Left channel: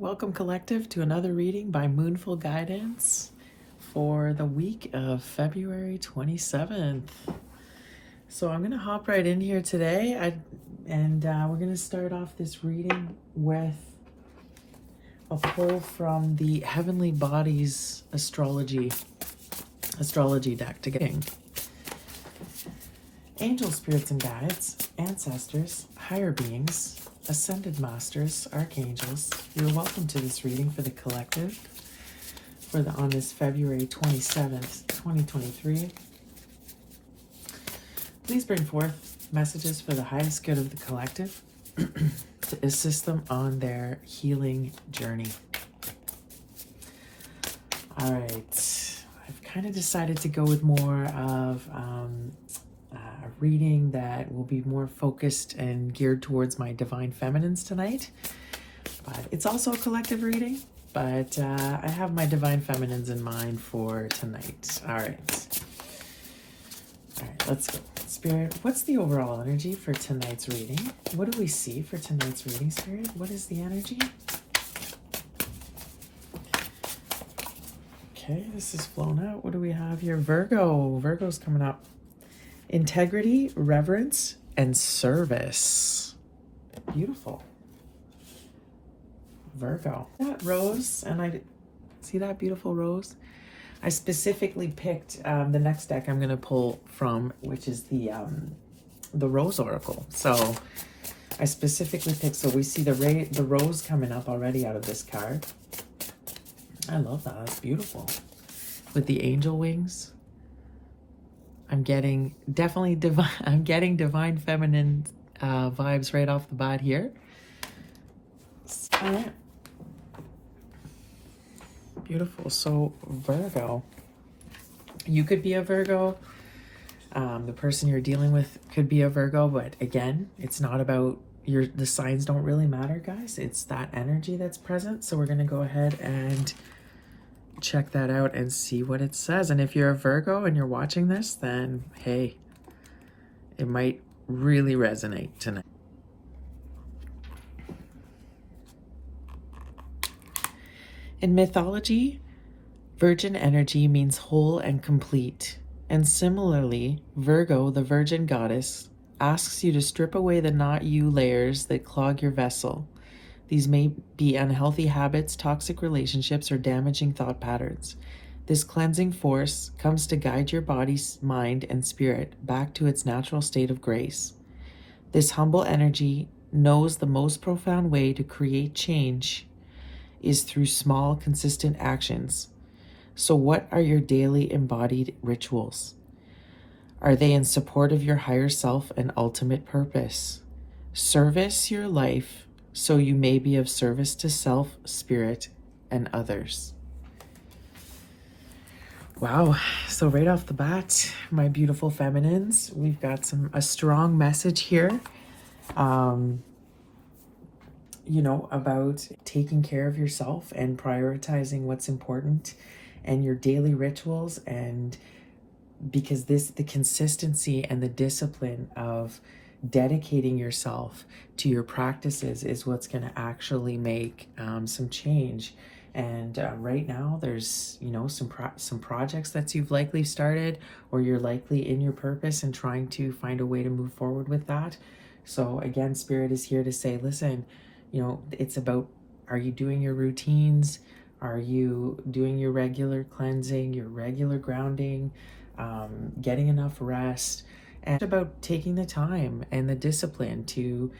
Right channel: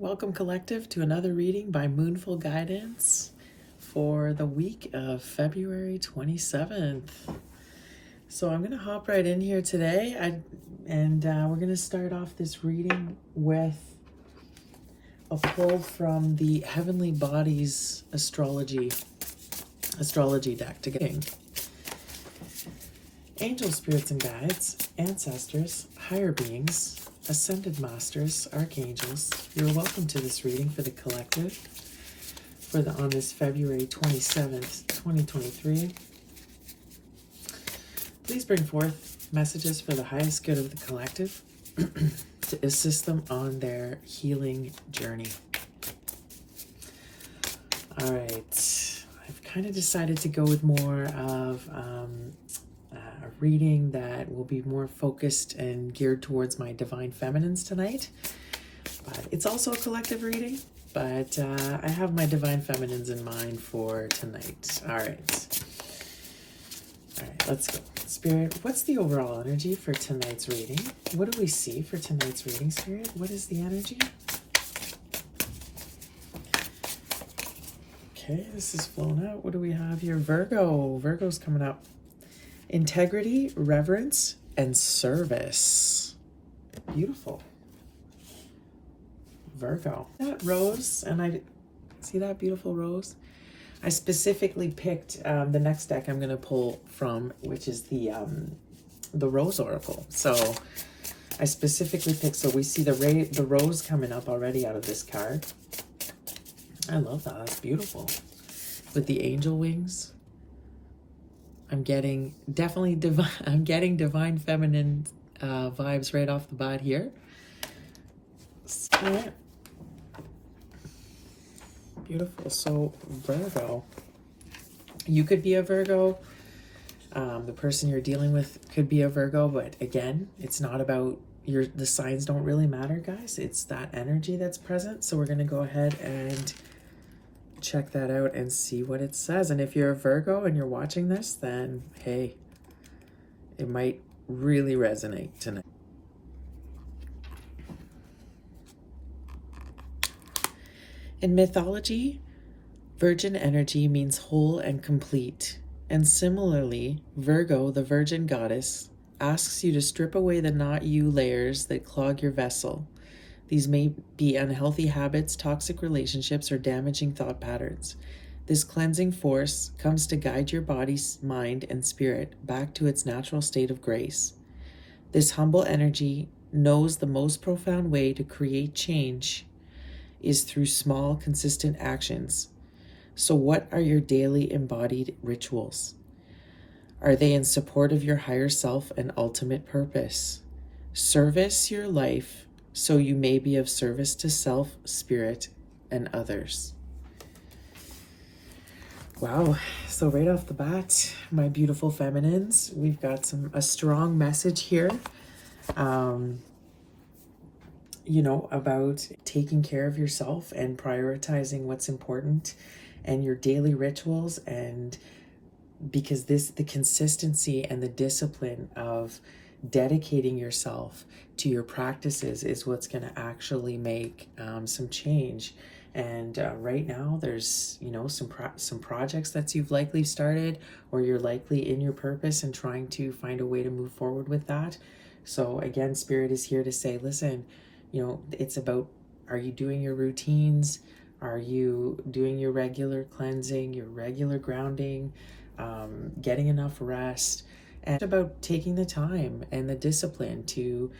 Welcome, Collective, to another reading by Moonful Guidance for the week of February 27th. So I'm going to hop right in here today, and we're going to start off this reading with a pull from the Heavenly Bodies astrology deck to get angel spirits and guides, ancestors, higher beings, ascended masters, archangels. You're welcome to this reading for the collective on this February 27th, 2023. Please bring forth messages for the highest good of the collective to assist them on their healing journey. All right, I've kind of decided to go with more of a reading that will be more focused and geared towards my divine feminines tonight. But it's also a collective reading, but I have my divine feminines in mind for tonight. All right, let's go. Spirit, what's the overall energy for tonight's reading? What do we see for tonight's reading, Spirit? What is the energy? Okay, this is flown out. What do we have here? Virgo. Virgo's coming up. Integrity, reverence, and service. Beautiful. Virgo. That rose, and I see that beautiful rose. I specifically picked the next deck I'm going to pull from, which is the Rose Oracle. So I specifically picked, so we see the rose coming up already out of this card. I love that. That's beautiful. With the angel wings. I'm getting definitely divine. I'm getting divine feminine vibes right off the bat here. Beautiful. So Virgo, you could be a Virgo. The person you're dealing with could be a Virgo, but again, it's not about the signs don't really matter, guys. It's that energy that's present. So we're gonna go ahead and check that out and see what it says. And if you're a Virgo and you're watching this, then hey, it might really resonate tonight. In mythology, virgin energy means whole and complete. And similarly, Virgo, the virgin goddess, asks you to strip away the not you layers that clog your vessel. These may be unhealthy habits, toxic relationships, or damaging thought patterns. This cleansing force comes to guide your body, mind, and spirit back to its natural state of grace. This humble energy knows the most profound way to create change is through small, consistent actions. So what are your daily embodied rituals? Are they in support of your higher self and ultimate purpose? Service your life so you may be of service to self, spirit, and others. Wow. So right off the bat, my beautiful feminines, we've got a strong message here. About taking care of yourself and prioritizing what's important and your daily rituals, and because the consistency and the discipline of dedicating yourself to your practices is what's going to actually make some change. And right now there's some projects that you've likely started, or you're likely in your purpose and trying to find a way to move forward with that. So again, Spirit is here to say, listen, it's about, are you doing your routines? Are you doing your regular cleansing, your regular grounding, getting enough rest? And it's about taking the time and the discipline to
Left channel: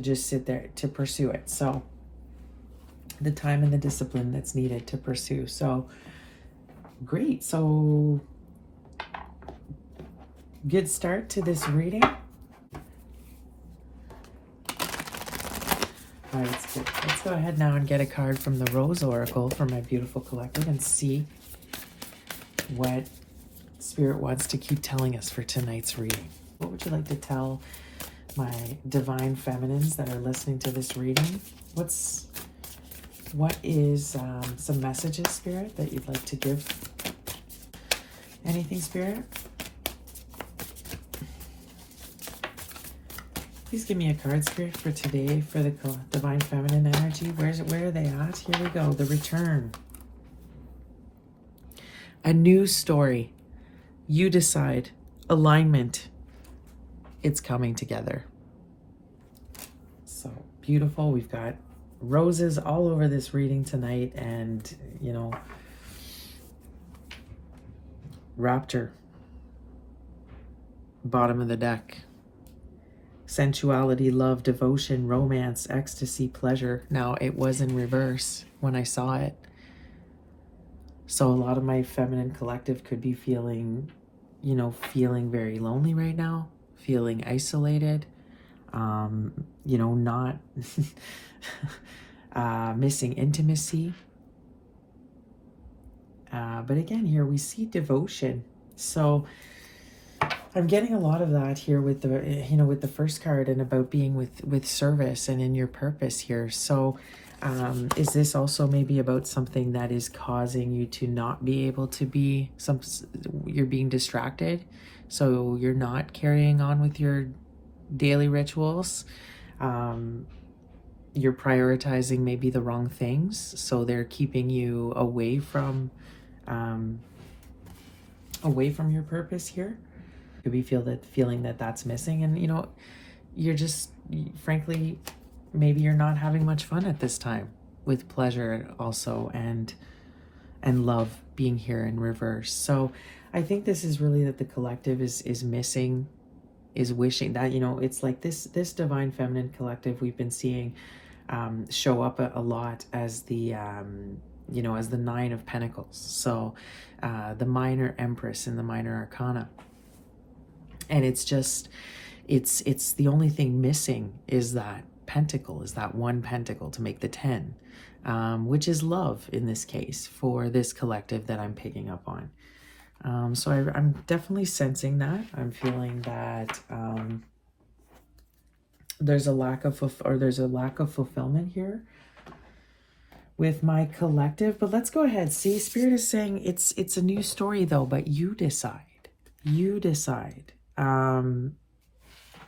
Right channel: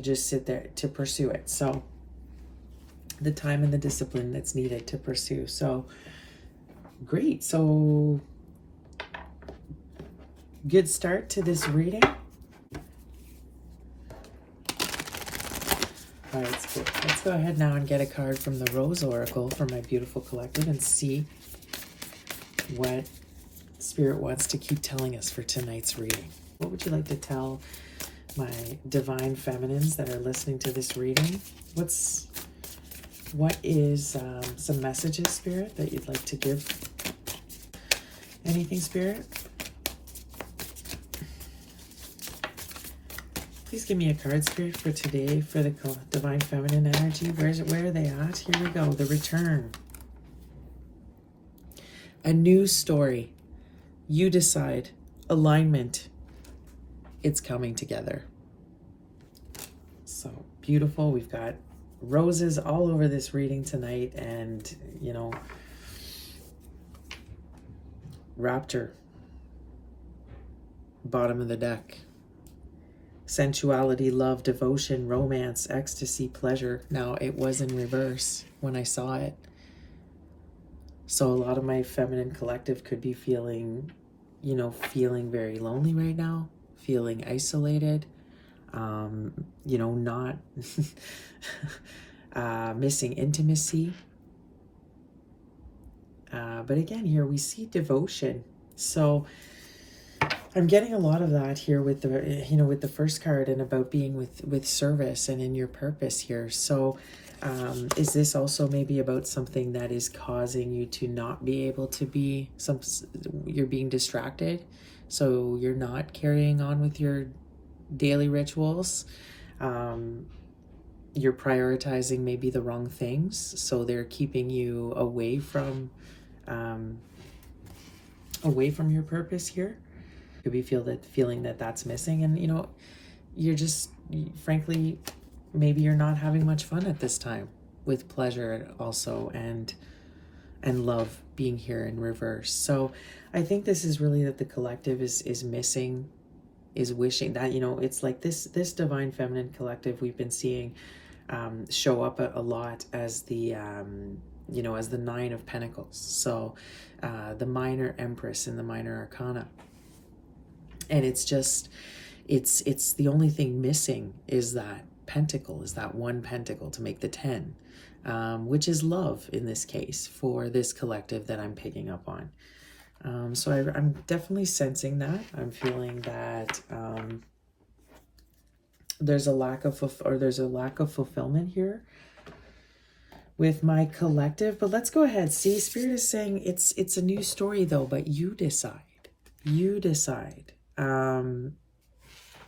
just sit there to pursue it. So the time and the discipline that's needed to pursue. So great. So good start to this reading. All right, let's go ahead now and get a card from the Rose Oracle for my beautiful collective and see what Spirit wants to keep telling us for tonight's reading. What would you like to tell my divine feminines that are listening to this reading? What is some messages, Spirit, that you'd like to give? Anything, Spirit? Please give me a card, Spirit, for today for the Divine Feminine energy. Where are they at? Here we go. The return. A new story. You decide. Alignment. It's coming together. So beautiful. We've got roses all over this reading tonight, and, you know, Rapture. Bottom of the deck. Sensuality, love, devotion, romance, ecstasy, pleasure. Now, it was in reverse when I saw it. So a lot of my feminine collective could be feeling, you know, feeling very lonely right now, feeling isolated, you know, not missing intimacy. But again, here we see devotion. So I'm getting a lot of that here with the, you know, with the first card, and about being with service and in your purpose here. So is this also maybe about something that is causing you to not be able to be you're being distracted, so you're not carrying on with your daily rituals? You're prioritizing maybe the wrong things, so they're keeping you away from your purpose here. Could be feeling that that's missing, and, you know, you're just, frankly, maybe you're not having much fun at this time with pleasure also, and love being here in reverse. So I think this is really that the collective is missing, is wishing that, you know, it's like this Divine Feminine collective we've been seeing show up a lot as the you know, as the Nine of Pentacles. So the minor Empress in the minor arcana. And it's just, it's the only thing missing is that pentacle, is that one pentacle to make the 10, which is love in this case for this collective that I'm picking up on. So I'm definitely sensing that. I'm feeling that there's a lack of fulfillment here with my collective. But let's go ahead. See, Spirit is saying it's a new story though, but you decide. You decide.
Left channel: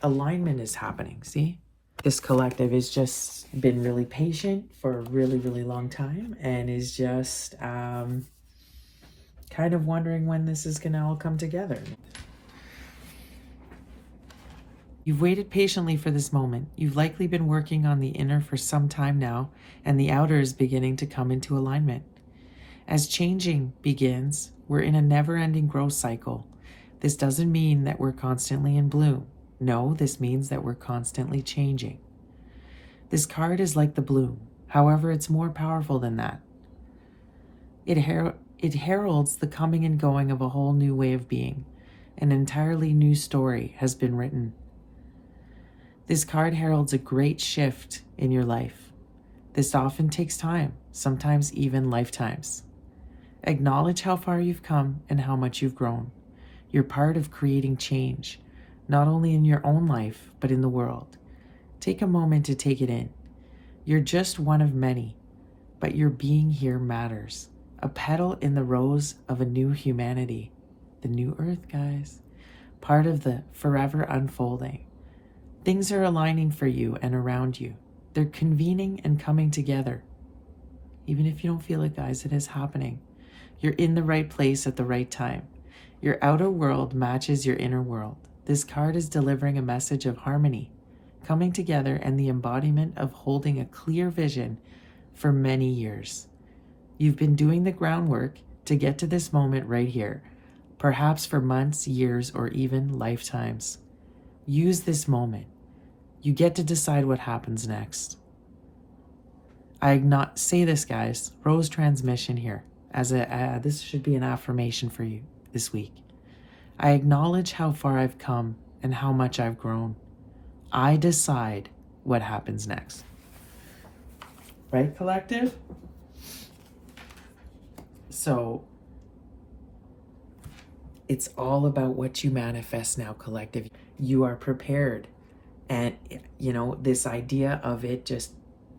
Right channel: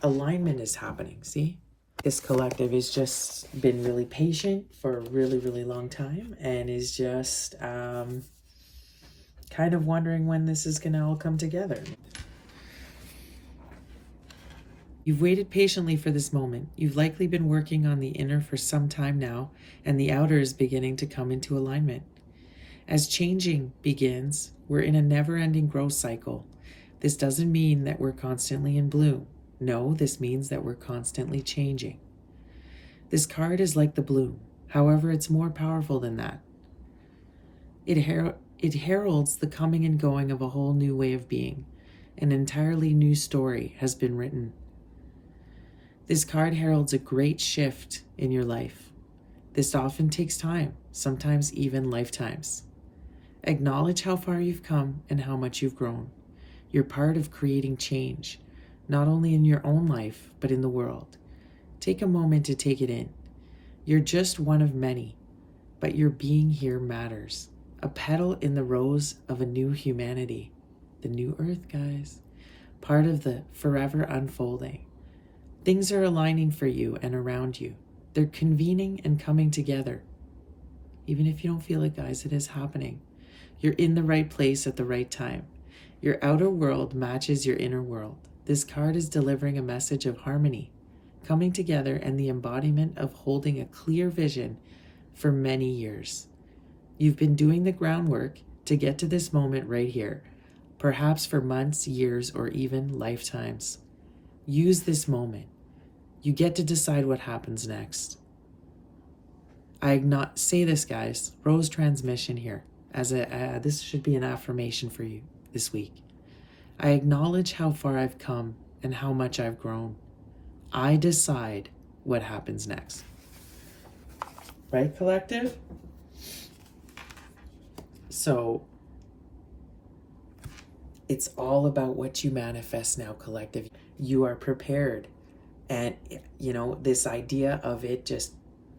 Alignment is happening. See, this collective has just been really patient for a really, really long time, and is just kind of wondering when this is going to all come together. You've waited patiently for this moment. You've likely been working on the inner for some time now, and the outer is beginning to come into alignment. As changing begins, we're in a never-ending growth cycle. This doesn't mean that we're constantly in bloom. No, this means that we're constantly changing. This card is like the bloom. However, it's more powerful than that. It heralds the coming and going of a whole new way of being. An entirely new story has been written. This card heralds a great shift in your life. This often takes time, sometimes even lifetimes. Acknowledge how far you've come and how much you've grown. You're part of creating change, not only in your own life, but in the world. Take a moment to take it in. You're just one of many, but your being here matters. A petal in the rose of a new humanity. The new earth, guys. Part of the forever unfolding. Things are aligning for you and around you. They're convening and coming together. Even if you don't feel it, guys, it is happening. You're in the right place at the right time. Your outer world matches your inner world. This card is delivering a message of harmony, coming together, and the embodiment of holding a clear vision for many years. You've been doing the groundwork to get to this moment right here, perhaps for months, years, or even lifetimes. Use this moment. You get to decide what happens next. Say this, guys. Rose transmission here. This should be an affirmation for you this week. I acknowledge how far I've come and how much I've grown. I decide what happens next. Right, collective? So it's all about what you manifest now, collective. You are prepared. And, you know, this idea of it just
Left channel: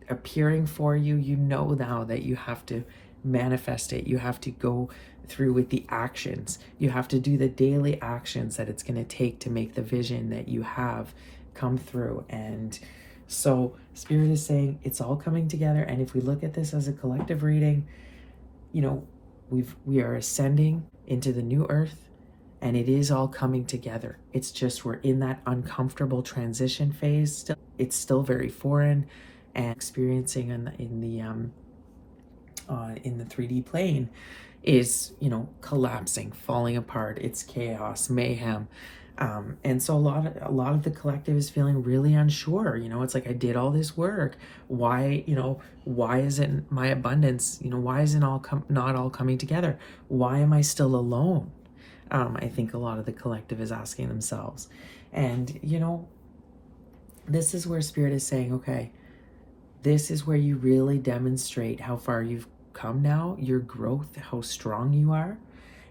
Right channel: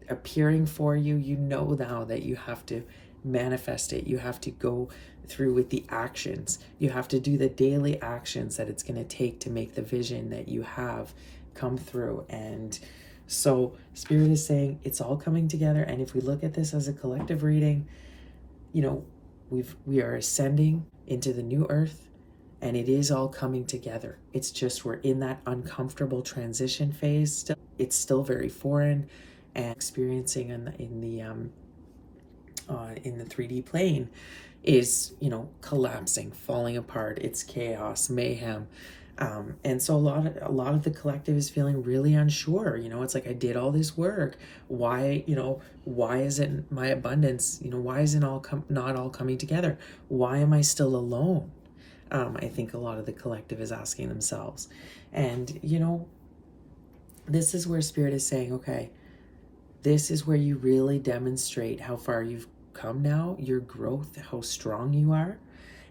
appearing for you, you know now that you have to manifest it. You have to go through with the actions. You have to do the daily actions that it's going to take to make the vision that you have come through. And so Spirit is saying it's all coming together. And if we look at this as a collective reading, you know, we are ascending into the new earth, and it is all coming together. It's just we're in that uncomfortable transition phase still. It's still very foreign, and experiencing in the 3D plane is, you know, collapsing, falling apart. It's chaos, mayhem. And so a lot of the collective is feeling really unsure. You know, it's like, I did all this work. Why, you know, why isn't my abundance, you know, why isn't not all coming together? Why am I still alone? I think a lot of the collective is asking themselves. And, you know, this is where Spirit is saying, okay, this is where you really demonstrate how far you've come now, your growth, how strong you are,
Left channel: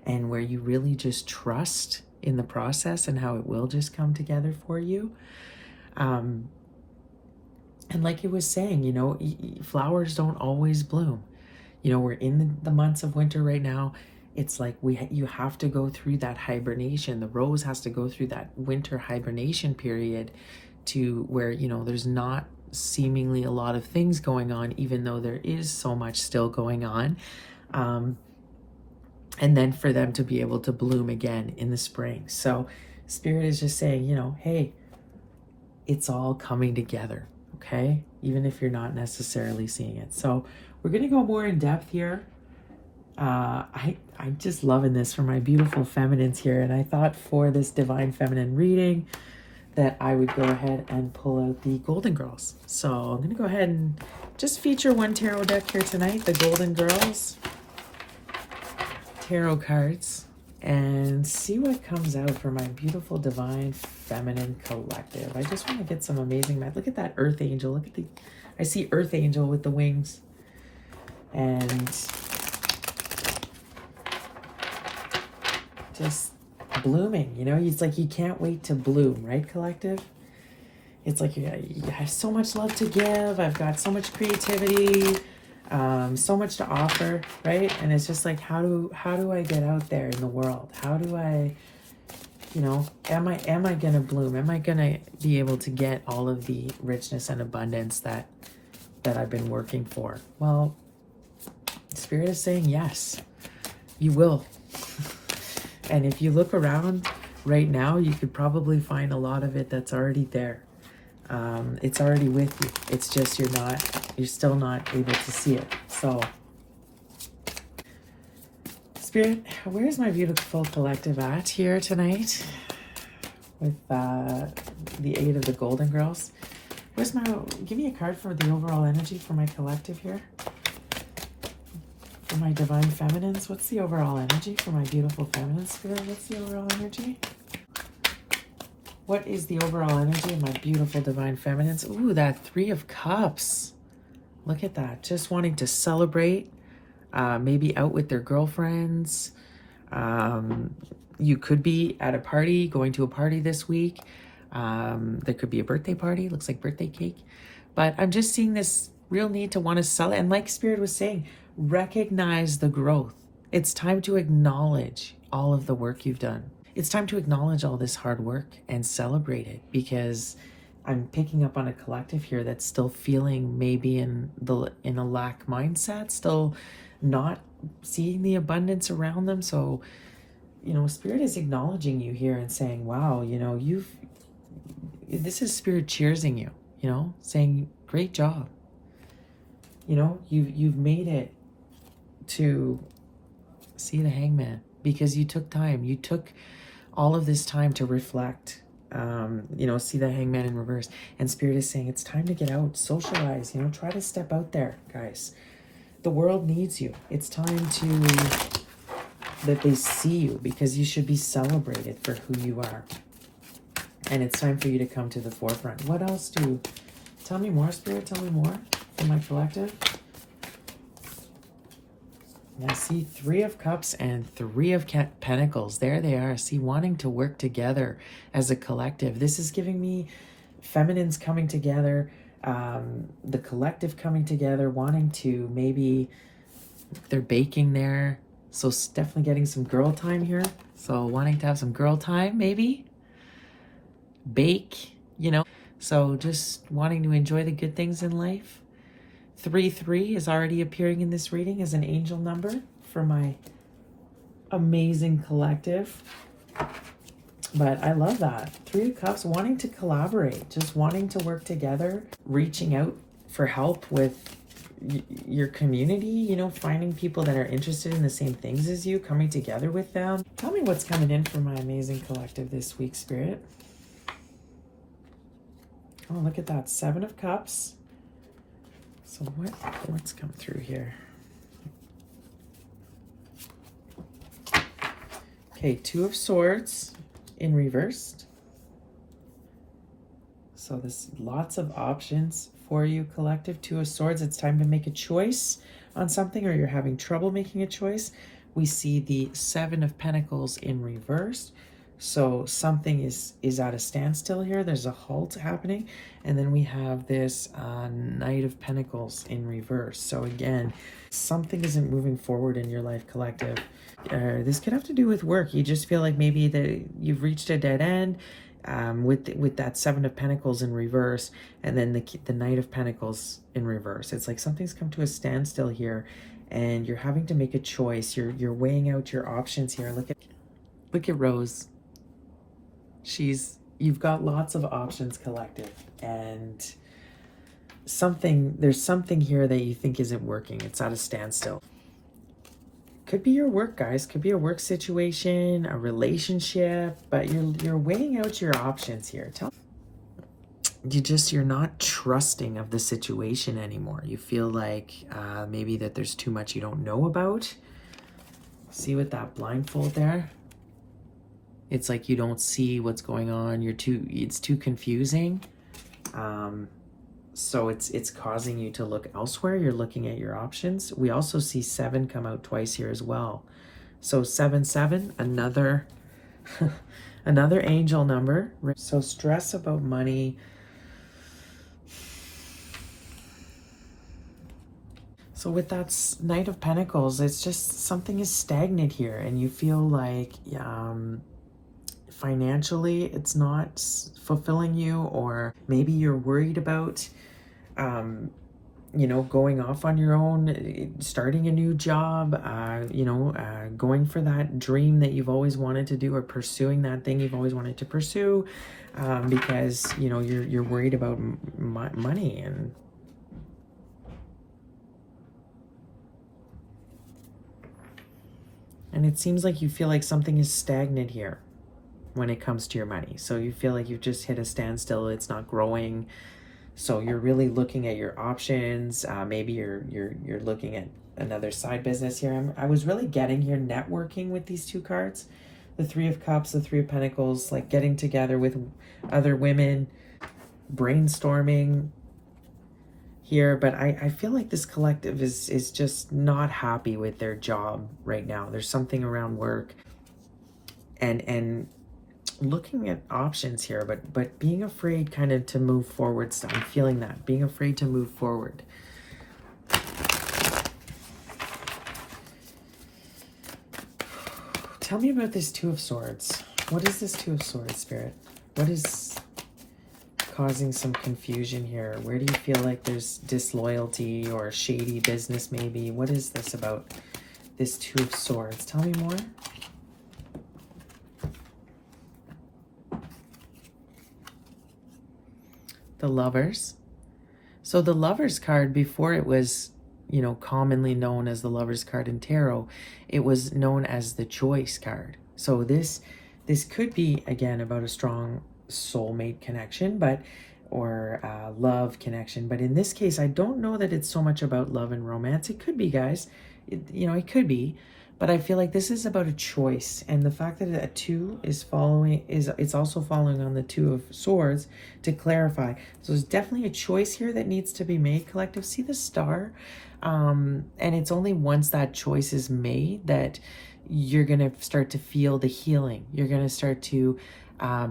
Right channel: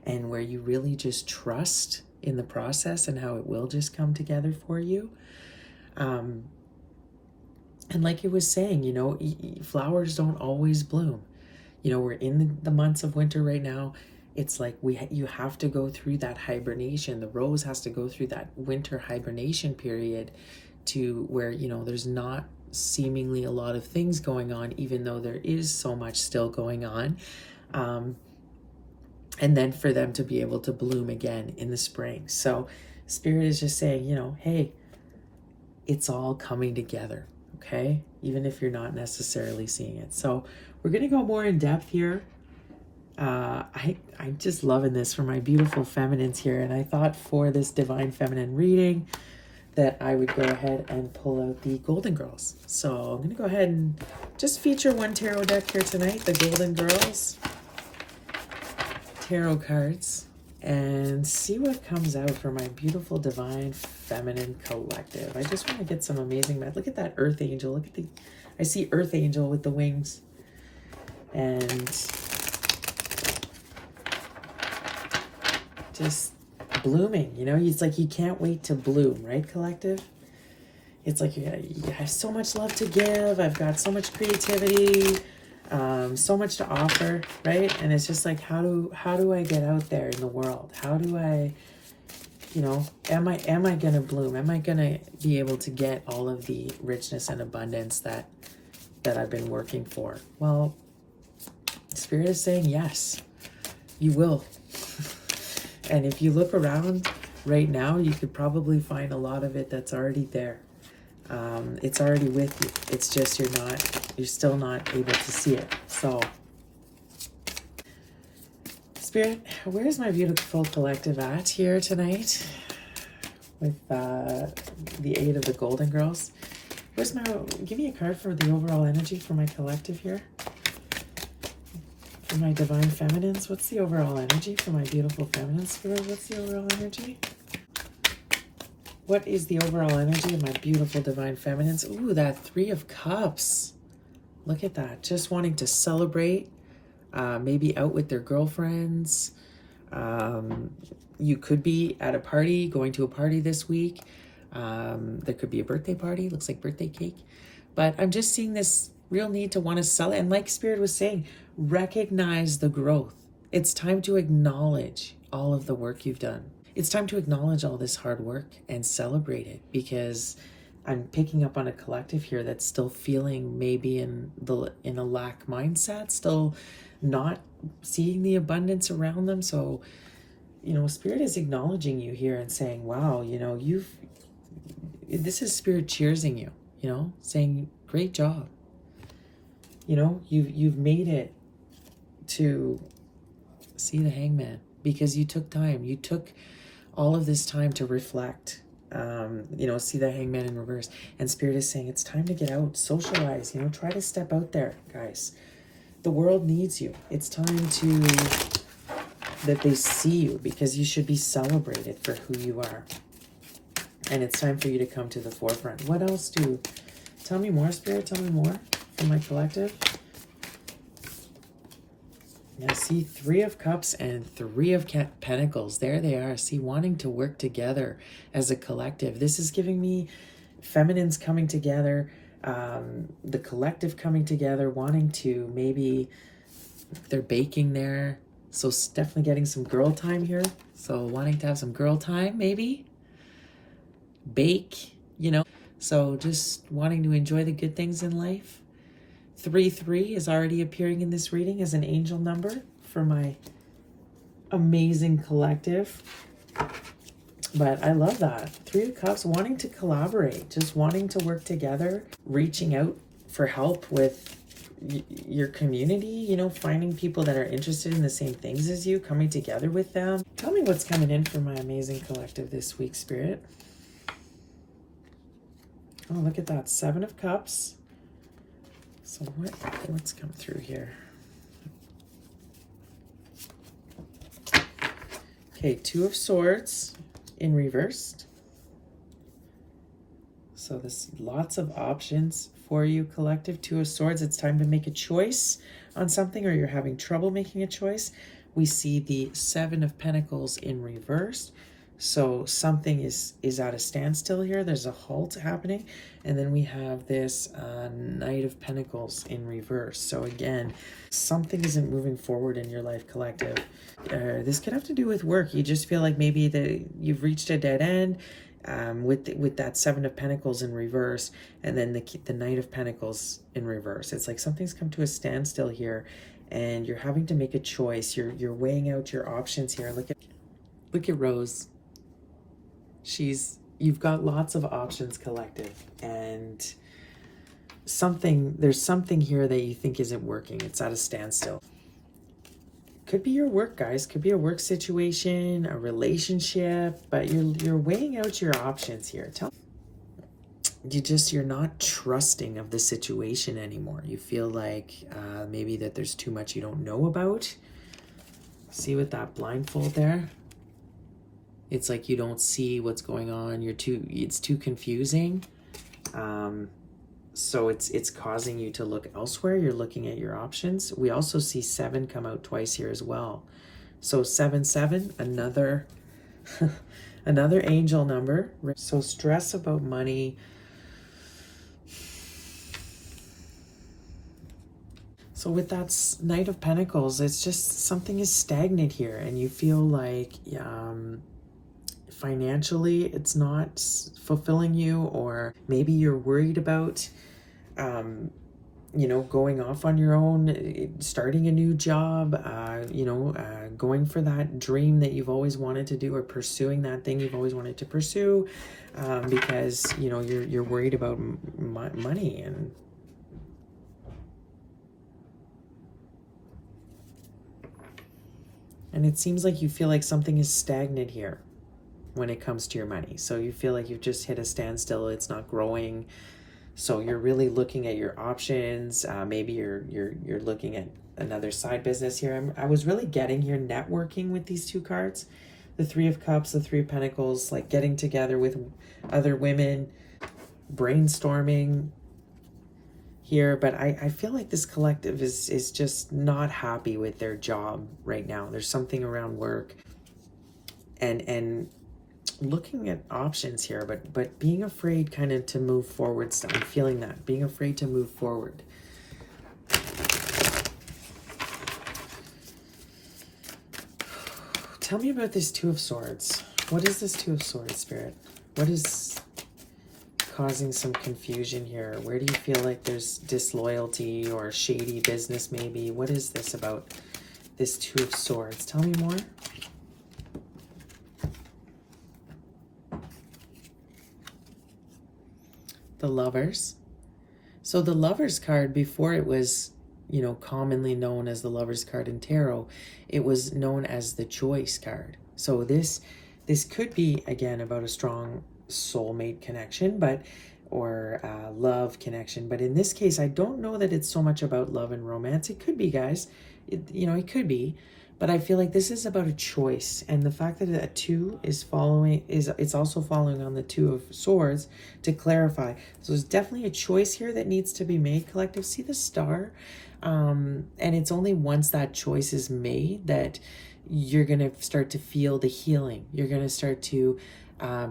and where you really just trust in the process and how it will just come together for you. And like it was saying, you know, flowers don't always bloom. You know, we're in the months of winter right now. It's like you have to go through that hibernation. The rose has to go through that winter hibernation period to where, you know, there's not seemingly a lot of things going on, even though there is so much still going on. And then for them to be able to bloom again in the spring. So Spirit is just saying, you know, hey, it's all coming together, okay? Even if you're not necessarily seeing it. So we're going to go more in depth here. I'm just loving this for my beautiful feminines here. And I thought for this divine feminine reading that I would go ahead and pull out the Golden Girls. So I'm going to go ahead and just feature one tarot deck here tonight, the Golden Girls tarot cards, and see what comes out for my beautiful divine feminine collective. I just want to get some amazing, look at that Earth Angel. Look at I see Earth Angel with the wings. And just blooming, you know, it's like you can't wait to bloom, right, collective? It's like you have so much love to give. I've got so much creativity, so much to offer, right? And it's just like, how do I get out there in the world? How do I, you know, am I gonna bloom? Am I gonna be able to get all of the richness and abundance that I've been working for? Well, Spirit is saying yes, you will. And if you look around right now, you could probably find a lot of it that's already there. It's already with you. It's just you're still not able to see it. So, Spirit, where's my beautiful collective at here tonight with the 8 of the Golden Girls? Give me a card for the overall energy for my collective here. For my divine feminines, what's the overall energy for my beautiful feminine spirit? What's the overall energy? What is the overall energy of my beautiful divine feminines? Ooh, that 3 of Cups. Look at that. Just wanting to celebrate, maybe out with their girlfriends. You could be at a party, going to a party this week. There could be a birthday party. Looks like birthday cake. But I'm just seeing this real need to want to celebrate. And like Spirit was saying, recognize the growth. It's time to acknowledge all of the work you've done. It's time to acknowledge all this hard work and celebrate it, because I'm picking up on a collective here that's still feeling maybe in a lack mindset, still not seeing the abundance around them. So, you know, Spirit is acknowledging you here and saying, wow, you know, this is Spirit cheersing you, you know, saying great job. You know, you've made it to see the Hangman because you took time. You took all of this time to reflect, you know, see the Hangman in reverse. And Spirit is saying it's time to get out, socialize, you know, try to step out there, guys. The world needs you. It's time that they see you, because you should be celebrated for who you are. And it's time for you to come to the forefront. What else tell me more, Spirit, tell me more for my collective. I see 3 of Cups and 3 of Pentacles. There they are. See, wanting to work together as a collective. This is giving me feminines coming together, the collective coming together, wanting to maybe, they're baking there. So definitely getting some girl time here. So wanting to have some girl time, maybe. Bake, you know. So just wanting to enjoy the good things in life. 3-3 is already appearing in this reading as an angel number for my amazing collective. But I love that. 3 of Cups, wanting to collaborate, just wanting to work together, reaching out for help with your community, you know, finding people that are interested in the same things as you, coming together with them. Tell me what's coming in for my amazing collective this week, Spirit. Oh, look at that. 7 of Cups. So what's come through here? Okay, 2 of Swords in reversed. So there's lots of options for you, collective. 2 of Swords. It's time to make a choice on something, or you're having trouble making a choice. We see the 7 of Pentacles in reverse. So something is at a standstill here. There's a halt happening. And then we have this Knight of Pentacles in reverse. So again, something isn't moving forward in your life, collective. This could have to do with work. You just feel like maybe that you've reached a dead end with that 7 of Pentacles in reverse, and then the Knight of Pentacles in reverse. It's like something's come to a standstill here, and you're having to make a choice. You're weighing out your options here. Look at Rose. You've got lots of options, collective, and there's something here that you think isn't working. It's at a standstill. Could be your work, guys. Could be a work situation, a relationship, but you're weighing out your options here. You're not trusting of the situation anymore. You feel like maybe that there's too much you don't know about. See with that blindfold there? It's like you don't see what's going on. It's too confusing. So it's causing you to look elsewhere. You're looking at your options. We also see 7 come out twice here as well. So 7-7, another another angel number. So stress about money. So with that Knight of Pentacles, it's just something is stagnant here, and you feel like financially it's not fulfilling you, or maybe you're worried about going off on your own, starting a new job, going for that dream that you've always wanted to do, or pursuing that thing you've always wanted to pursue, because you're worried about money. And it seems like you feel like something is stagnant here when it comes to your money. So you feel like you've just hit a standstill. It's not growing. So you're really looking at your options. Maybe you're looking at another side business here. I was really getting here networking with these 2 cards. The 3 of Cups, the 3 of Pentacles, like getting together with other women, brainstorming here. But I feel like this collective is just not happy with their job right now. There's something around work and looking at options here, but being afraid kind of to move forward. So I'm feeling that, being afraid to move forward. Tell me about this 2 of Swords. What is this 2 of Swords, Spirit? What is causing some confusion here? Where do you feel like there's disloyalty or shady business maybe? What is this about this 2 of Swords? Tell me more. The Lovers. So the Lovers card, before it was, commonly known as the Lovers card in tarot, it was known as the Choice card. So this could be, again, about a strong soulmate connection, or love connection. But in this case, I don't know that it's so much about love and romance. It could be, guys. It could be. But I feel like this is about a choice, and the fact that a 2 is it's also following on the 2 of Swords to clarify. So there's definitely a choice here that needs to be made, collective. See the star, and it's only once that choice is made that you're gonna start to feel the healing. You're gonna start to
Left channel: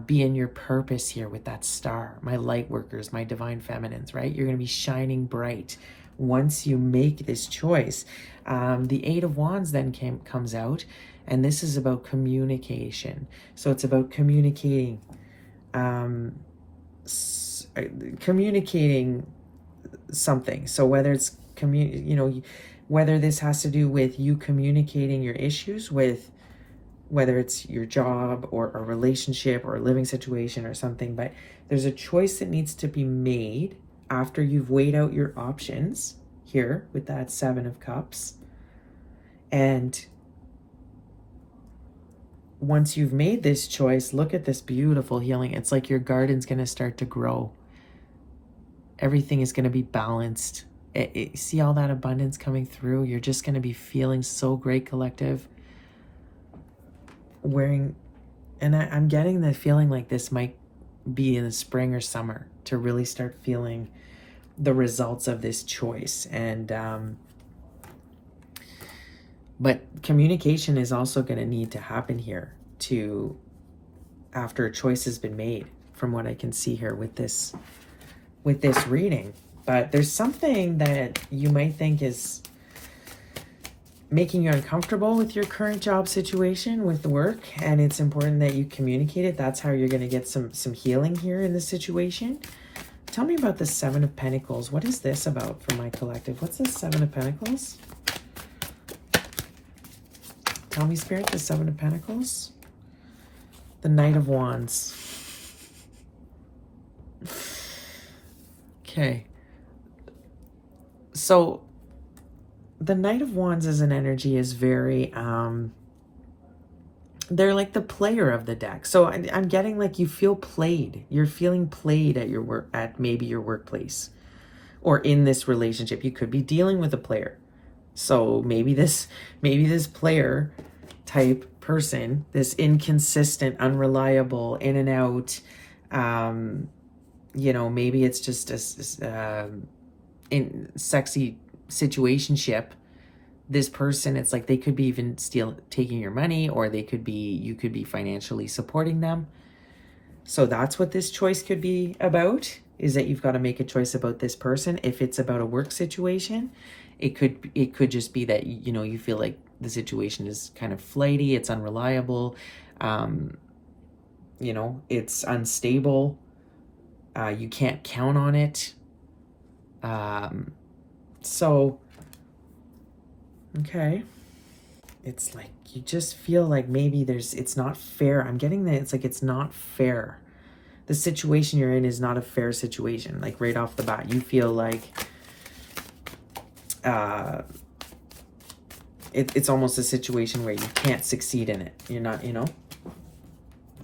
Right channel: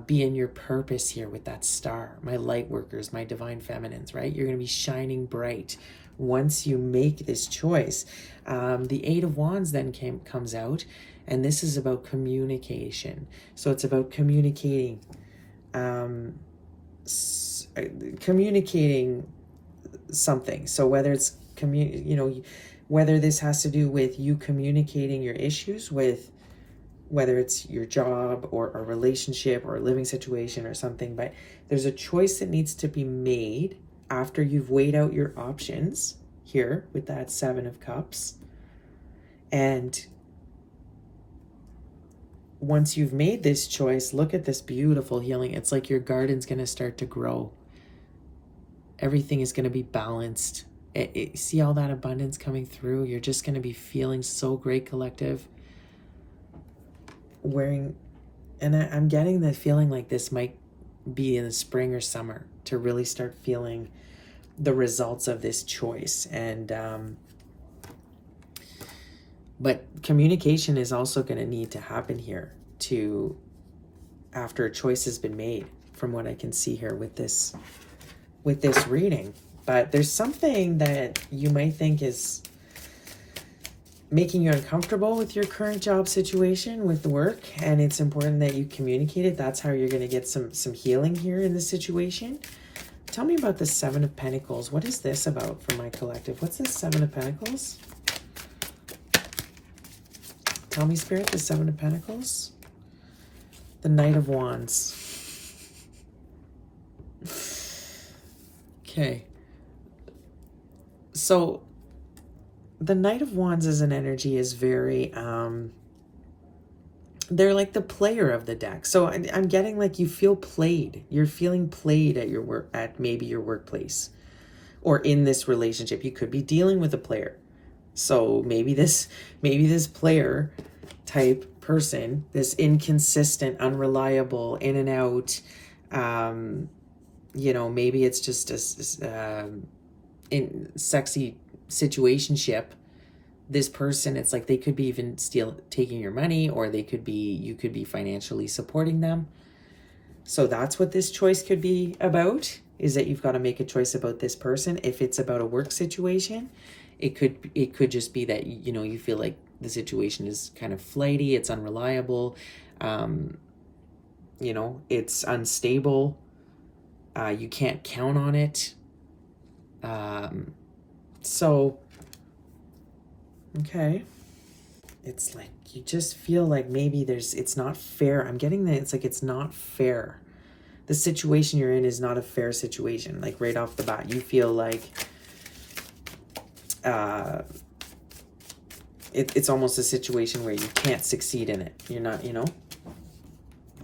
be in your purpose here with that star. My light workers, my divine feminines, right? You're gonna be shining bright once you make this choice. The 8 of Wands then comes out, and this is about communication. So it's about communicating communicating something. So whether it's whether this has to do with you communicating your issues with, whether it's your job or a relationship or a living situation or something, but there's a choice that needs to be made after you've weighed out your options here with that 7 of Cups. And once you've made this choice, look at this beautiful healing. It's like your garden's going to start to grow. Everything is going to be balanced. See all that abundance coming through? You're just going to be feeling so great, collective. And I'm getting the feeling like this might be in the spring or summer to really start feeling the results of this choice. And but communication is also going to need to happen here after a choice has been made, from what I can see here with this reading. But there's something that you might think is making you uncomfortable with your current job situation with work, and it's important that you communicate it. That's how you're going to get some healing here in this situation. Tell me about the 7 of Pentacles. What is this about for my collective? What's the 7 of Pentacles? Tell me, Spirit, the 7 of Pentacles. The Knight of Wands. Okay. So the Knight of Wands as an energy is very, they're like the player of the deck. So I'm getting like you feel played. You're feeling played at your work, at maybe your workplace or in this relationship. You could be dealing with a player. So maybe this player type person, this inconsistent, unreliable, in and out, maybe it's just a in sexy situationship. This person, it's like they could be even taking your money, or you could be financially supporting them. So that's what this choice could be about, is that you've got to make a choice about this person. If it's about a work situation, it could just be that you feel like the situation is kind of flighty, it's unreliable, it's unstable, you can't count on it. So okay, it's like you just feel like maybe it's not fair. I'm getting that it's like it's not fair. The situation you're in is not a fair situation. Like right off the bat, you feel like it's almost a situation where you can't succeed in it. You're not,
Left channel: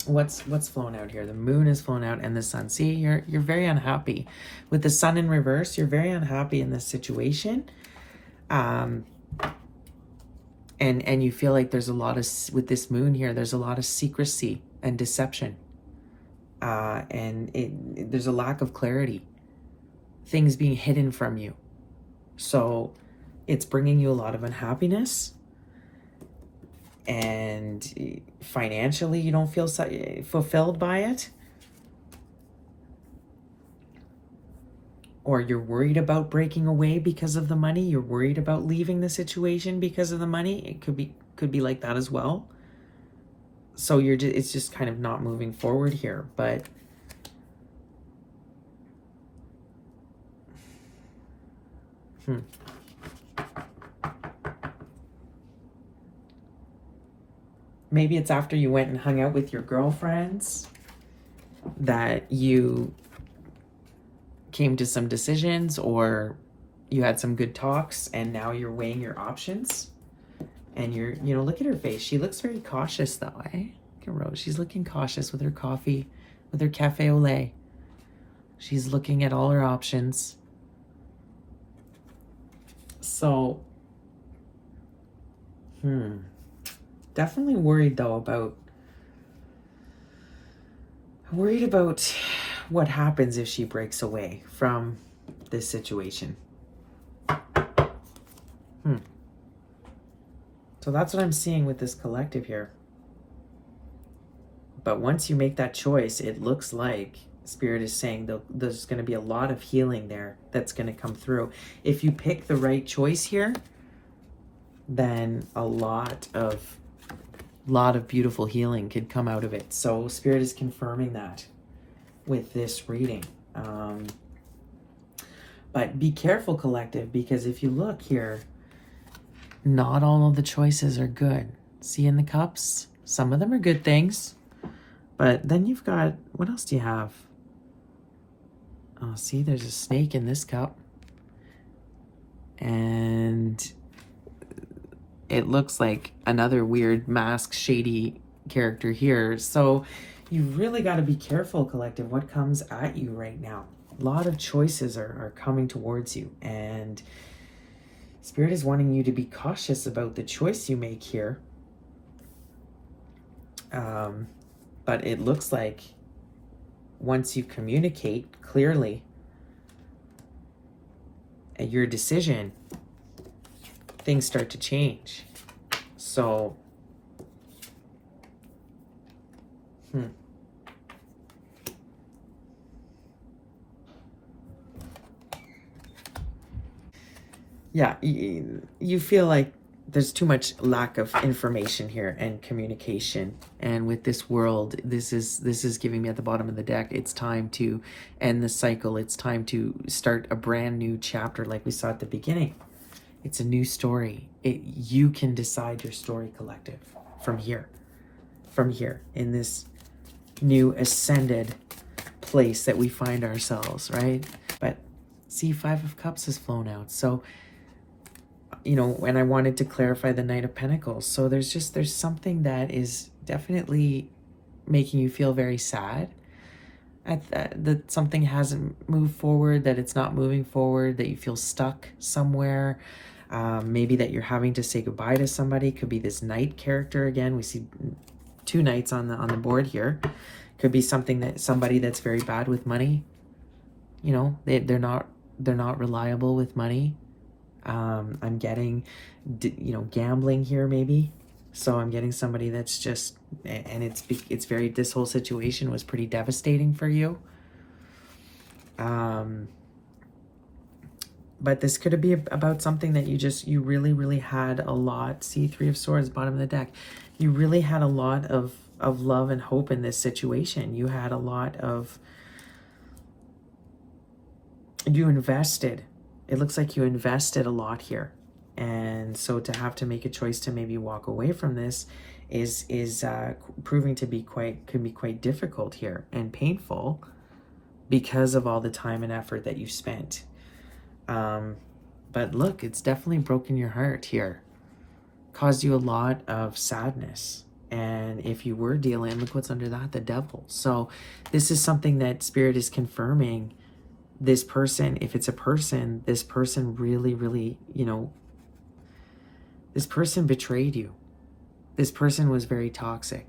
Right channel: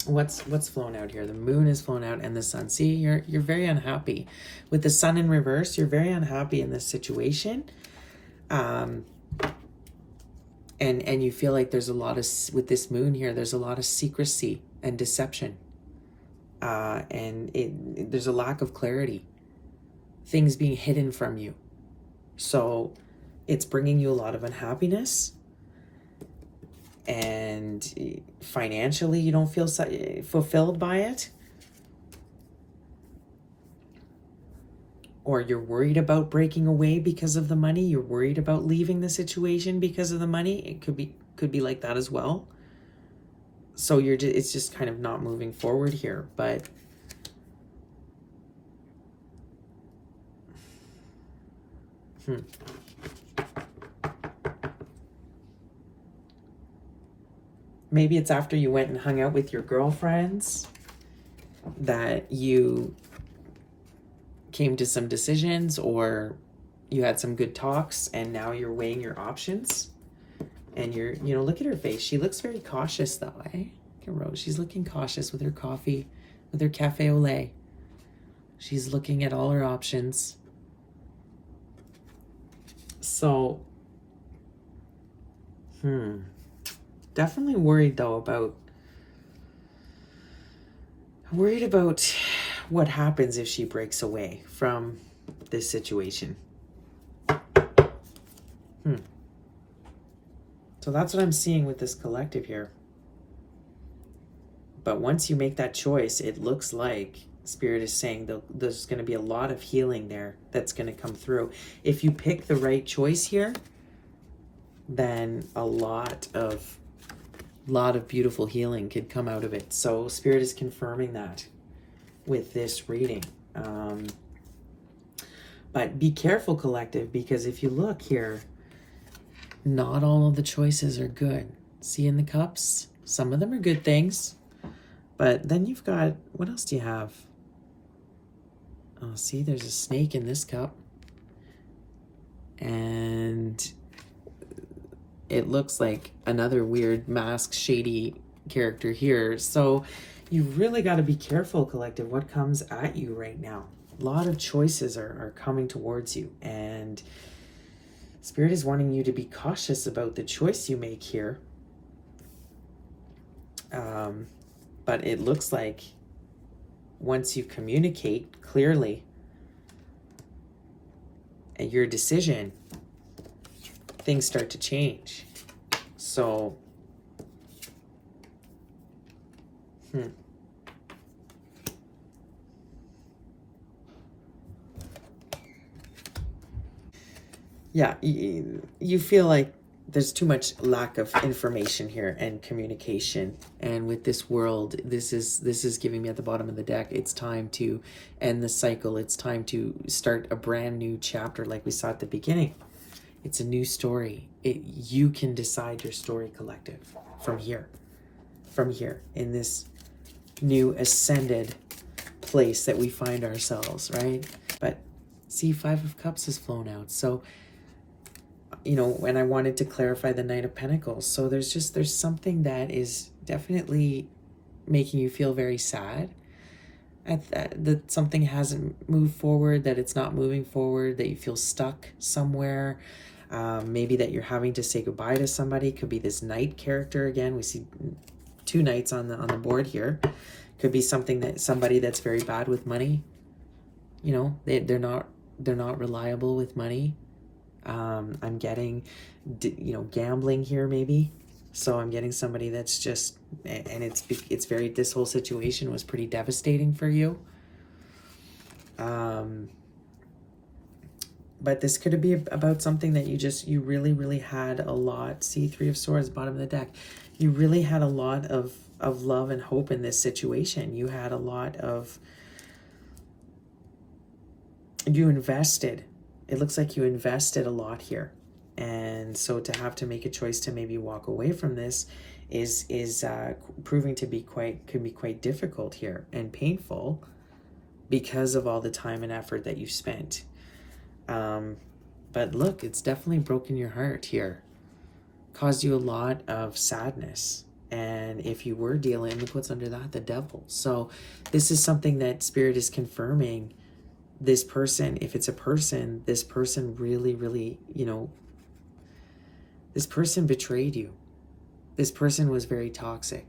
what's flown out here? The moon is flown out and the sun. See, you're very unhappy with the sun in reverse. You're very unhappy in this situation. And you feel like there's a lot of, with this moon here, there's a lot of secrecy and deception. There's a lack of clarity. Things being hidden from you. So it's bringing you a lot of unhappiness. And financially, you don't feel fulfilled by it. Or you're worried about breaking away because of the money. You're worried about leaving the situation because of the money. It could be like that as well. So it's just kind of not moving forward here. But maybe it's after you went and hung out with your girlfriends that you came to some decisions, or you had some good talks, and now you're weighing your options. And look at her face. She looks very cautious though, eh? Look at Rose. She's looking cautious with her coffee, with her cafe au lait. She's looking at all her options. So, definitely worried though about what happens if she breaks away from this situation. So that's what I'm seeing with this collective here. But once you make that choice, it looks like Spirit is saying there's going to be a lot of healing there that's going to come through. If you pick the right choice here, then a lot of beautiful healing could come out of it. So Spirit is confirming that with this reading. But be careful, collective, because if you look here, not all of the choices are good. See in the cups? Some of them are good things. But then you've got, what else do you have? Oh, see, there's a snake in this cup. And it looks like another weird masked, shady character here. So you've really got to be careful, collective, what comes at you right now. A lot of choices are coming towards you. And Spirit is wanting you to be cautious about the choice you make here. But it looks like once you communicate clearly your decision, things start to change. So, yeah, you feel like there's too much lack of information here and communication. And with this world, this is giving me at the bottom of the deck, it's time to end the cycle. It's time to start a brand new chapter like we saw at the beginning. It's a new story. You can decide your story, collective, from here, in this new ascended place that we find ourselves, right? But see, Five of Cups has flown out. So, you know, and I wanted to clarify the Knight of Pentacles. So there's something that is definitely making you feel very sad. That something hasn't moved forward, that it's not moving forward, that you feel stuck somewhere. Maybe that you're having to say goodbye to somebody. Could be this Knight character again. We see two Knights on the board here. Could be somebody that's very bad with money. You know, they're not reliable with money. I'm getting, you know, gambling here maybe. So I'm getting somebody that's just, and it's very, this whole situation was pretty devastating for you. But this could be about something that you really had a lot. See, Three of Swords, bottom of the deck. You really had a lot of love and hope in this situation. You had a lot of, you invested. It looks like you invested a lot here. And so to have to make a choice to maybe walk away from this is proving to be can be quite difficult here and painful because of all the time and effort that you've spent. But look, it's definitely broken your heart here. Caused you a lot of sadness. And if you were dealing, look what's under that, the Devil. So this is something that Spirit is confirming. This person, if it's a person, this person really, you know, this person betrayed you. This person was very toxic.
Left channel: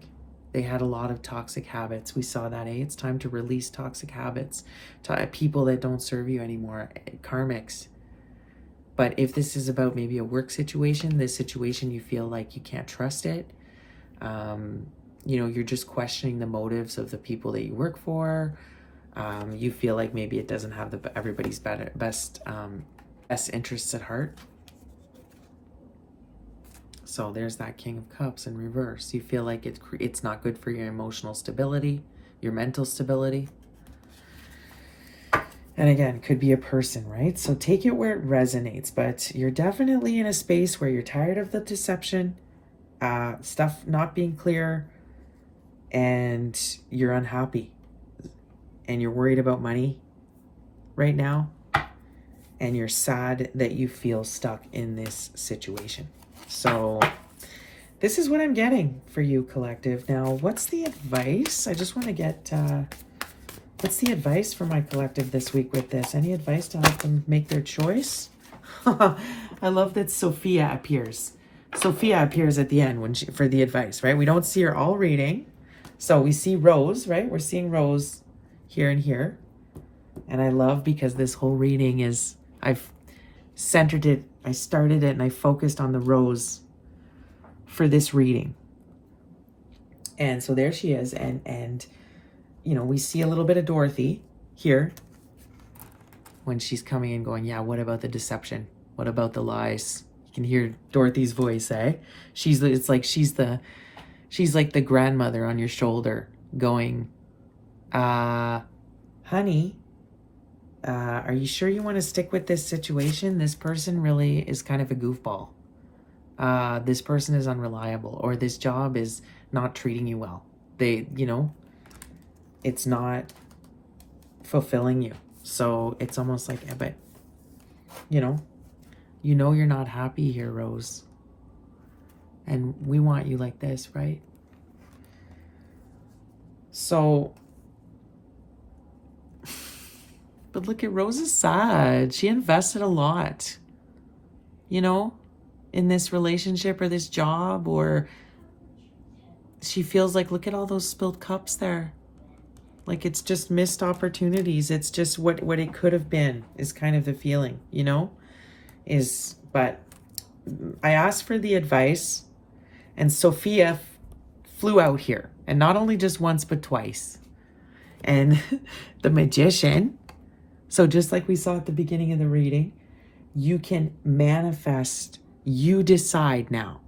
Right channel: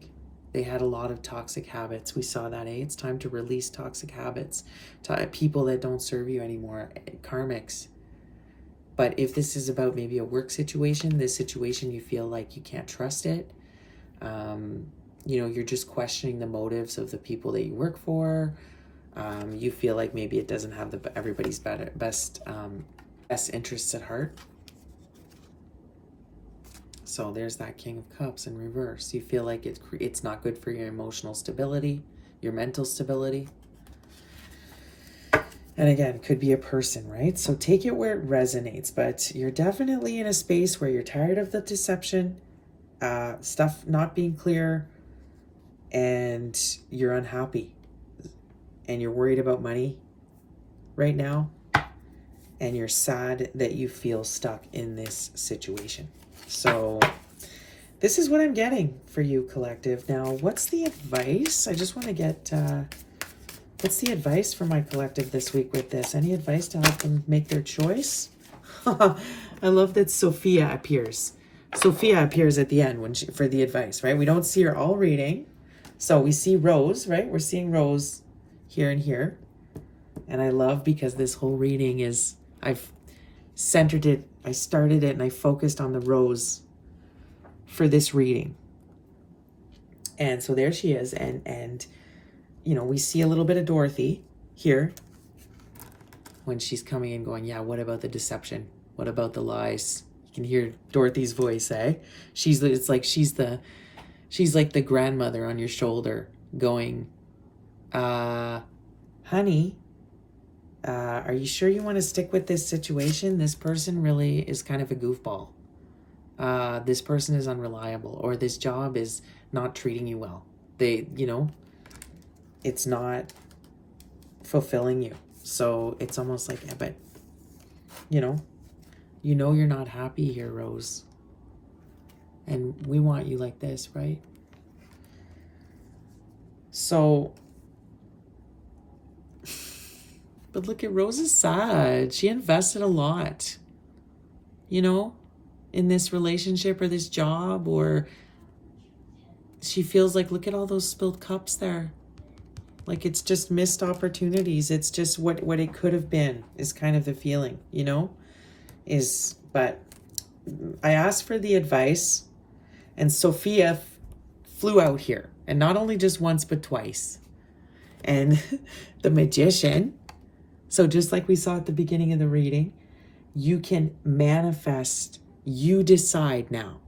They had a lot of toxic habits. We saw that, It's time to release toxic habits. People that don't serve you anymore, karmics. But if this is about maybe a work situation, this situation you feel like you can't trust it. You know, you're just questioning the motives of the people that you work for. You feel like maybe it doesn't have everybody's best interests at heart. So there's that King of Cups in reverse. You feel like it's not good for your emotional stability, your mental stability. And again, could be a person, right? So take it where it resonates, but you're definitely in a space where you're tired of the deception, stuff not being clear, and you're unhappy. And you're worried about money right now. And you're sad that you feel stuck in this situation. So this is what I'm getting for you, collective. Now, what's the advice? I just want to get, what's the advice for my collective this week with this? Any advice to help them make their choice? I love that Sophia appears. Sophia appears at the end for the advice, right? We don't see her all reading. So we see Rose, right? We're seeing Rose here and here. And I love because this whole reading is, I've centered it, I started it and I focused on the Rose for this reading. And so there she is. And you know, we see a little bit of Dorothy here when she's coming and going, yeah, what about the deception? What about the lies? You can hear Dorothy's voice, It's like she's like the grandmother on your shoulder going, honey, Are you sure you want to stick with this situation? This person really is kind of a goofball. This person is unreliable, or this job is not treating you well. They, it's not fulfilling you. So it's almost like, yeah, but, you're not happy here, Rose. And we want you like this, right? So, but look at Rose is sad. She invested a lot, in this relationship or this job, or she feels like, look at all those spilled cups there. Like it's just missed opportunities. It's just what it could have been is kind of the feeling, but I asked for the advice, and Sophia flew out here, and not only just once, but twice. And the magician, so just like we saw at the beginning of the reading, you can manifest, you decide now.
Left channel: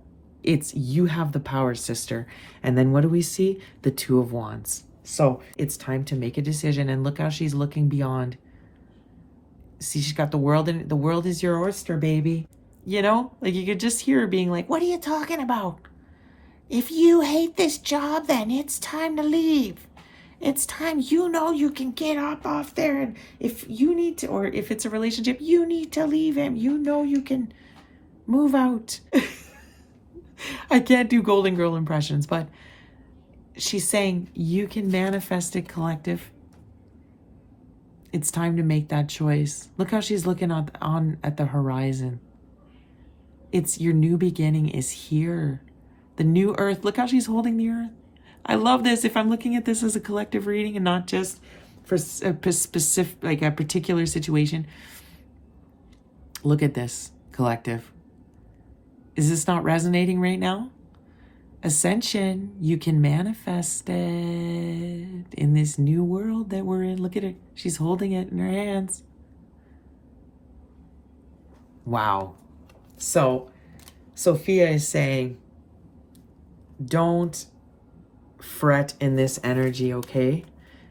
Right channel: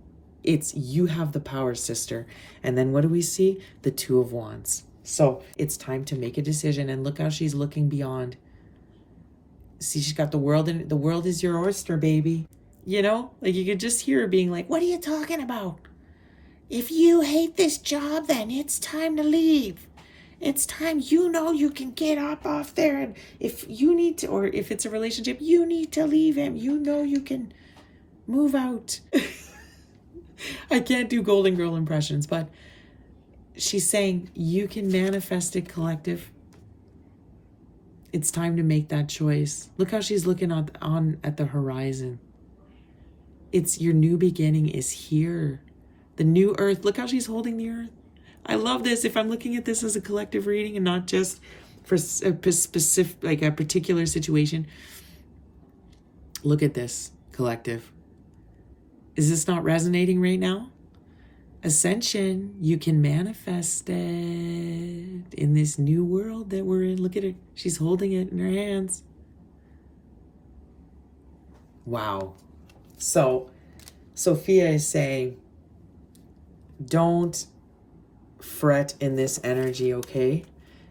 You have the power, sister. And then what do we see? The Two of Wands. So it's time to make a decision, and look how she's looking beyond. See, she's got the world, and the world is your oyster, baby. Like you could just hear her being like, what are you talking about? If you hate this job, then it's time to leave. It's time, you can get up off there. And if you need to, or if it's a relationship, you need to leave him. You can move out. I can't do Golden Girl impressions, but she's saying you can manifest it, collective. It's time to make that choice. Look how she's looking at the horizon. It's your new beginning is here. The new earth. Look how she's holding the earth. I love this. If I'm looking at this as a collective reading and not just for a specific, like a particular situation. Look at this, collective. Is this not resonating right now? Ascension, you can manifest it in this new world that we're in. Look at her. She's holding it in her hands. Wow. So, Sophia is saying, don't fret in this energy, okay?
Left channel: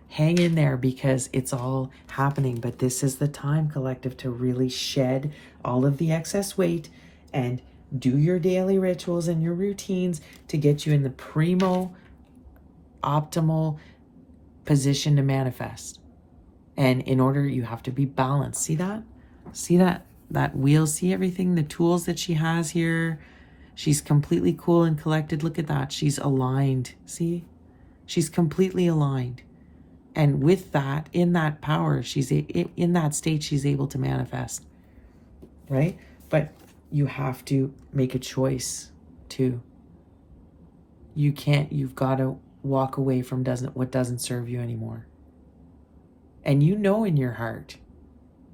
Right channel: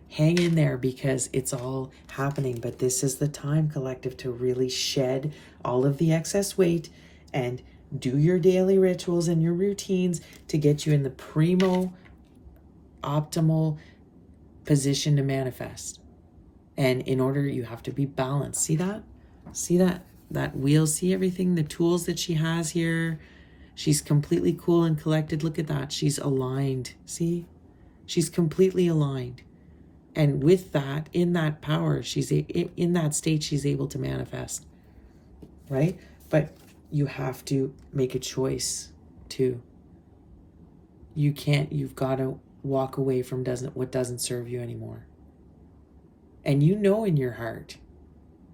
Hang in there, because it's all happening. But this is the time, collective, to really shed all of the excess weight and do your daily rituals and your routines to get you in the primo optimal position to manifest. And in order, you have to be balanced. See that? See that wheel? See everything, the tools that she has here? She's completely cool and collected. Look at that. She's aligned. See? She's completely aligned. And with that, in that power, in that state, she's able to manifest. Right? But you have to make a choice too. You've got to walk away from what doesn't serve you anymore. And in your heart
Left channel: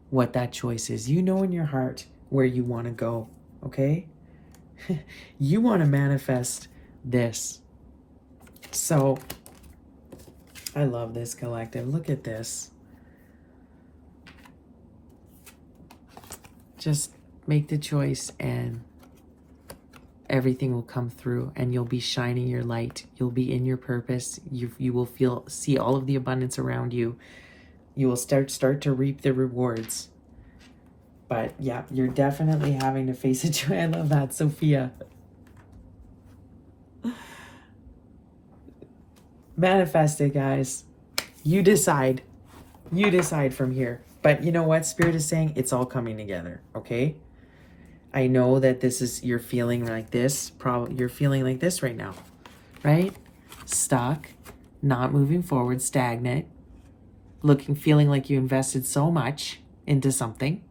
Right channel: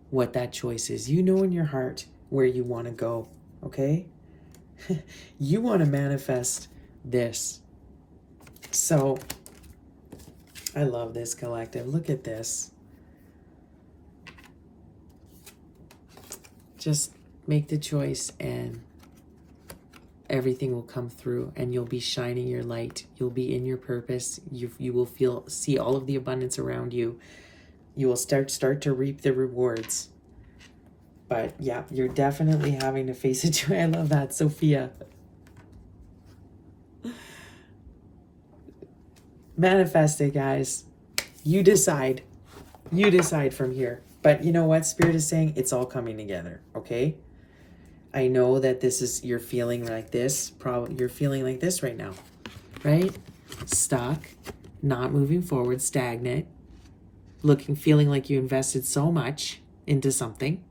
what that choice is. In your heart where you want to go, okay? You want to manifest this. So I love this, collective. Look at this. Just make the choice and everything will come through, and you'll be shining your light. You'll be in your purpose. You will see all of the abundance around you. You will start to reap the rewards. But yeah, you're definitely having to face it. I love that, Sophia. Manifest it, guys. You decide. You decide from here. But you know what? Spirit is saying it's all coming together, okay? I know that you're feeling like this. You're feeling like this right now, right? Stuck, not moving forward, stagnant, feeling like you invested so much into something.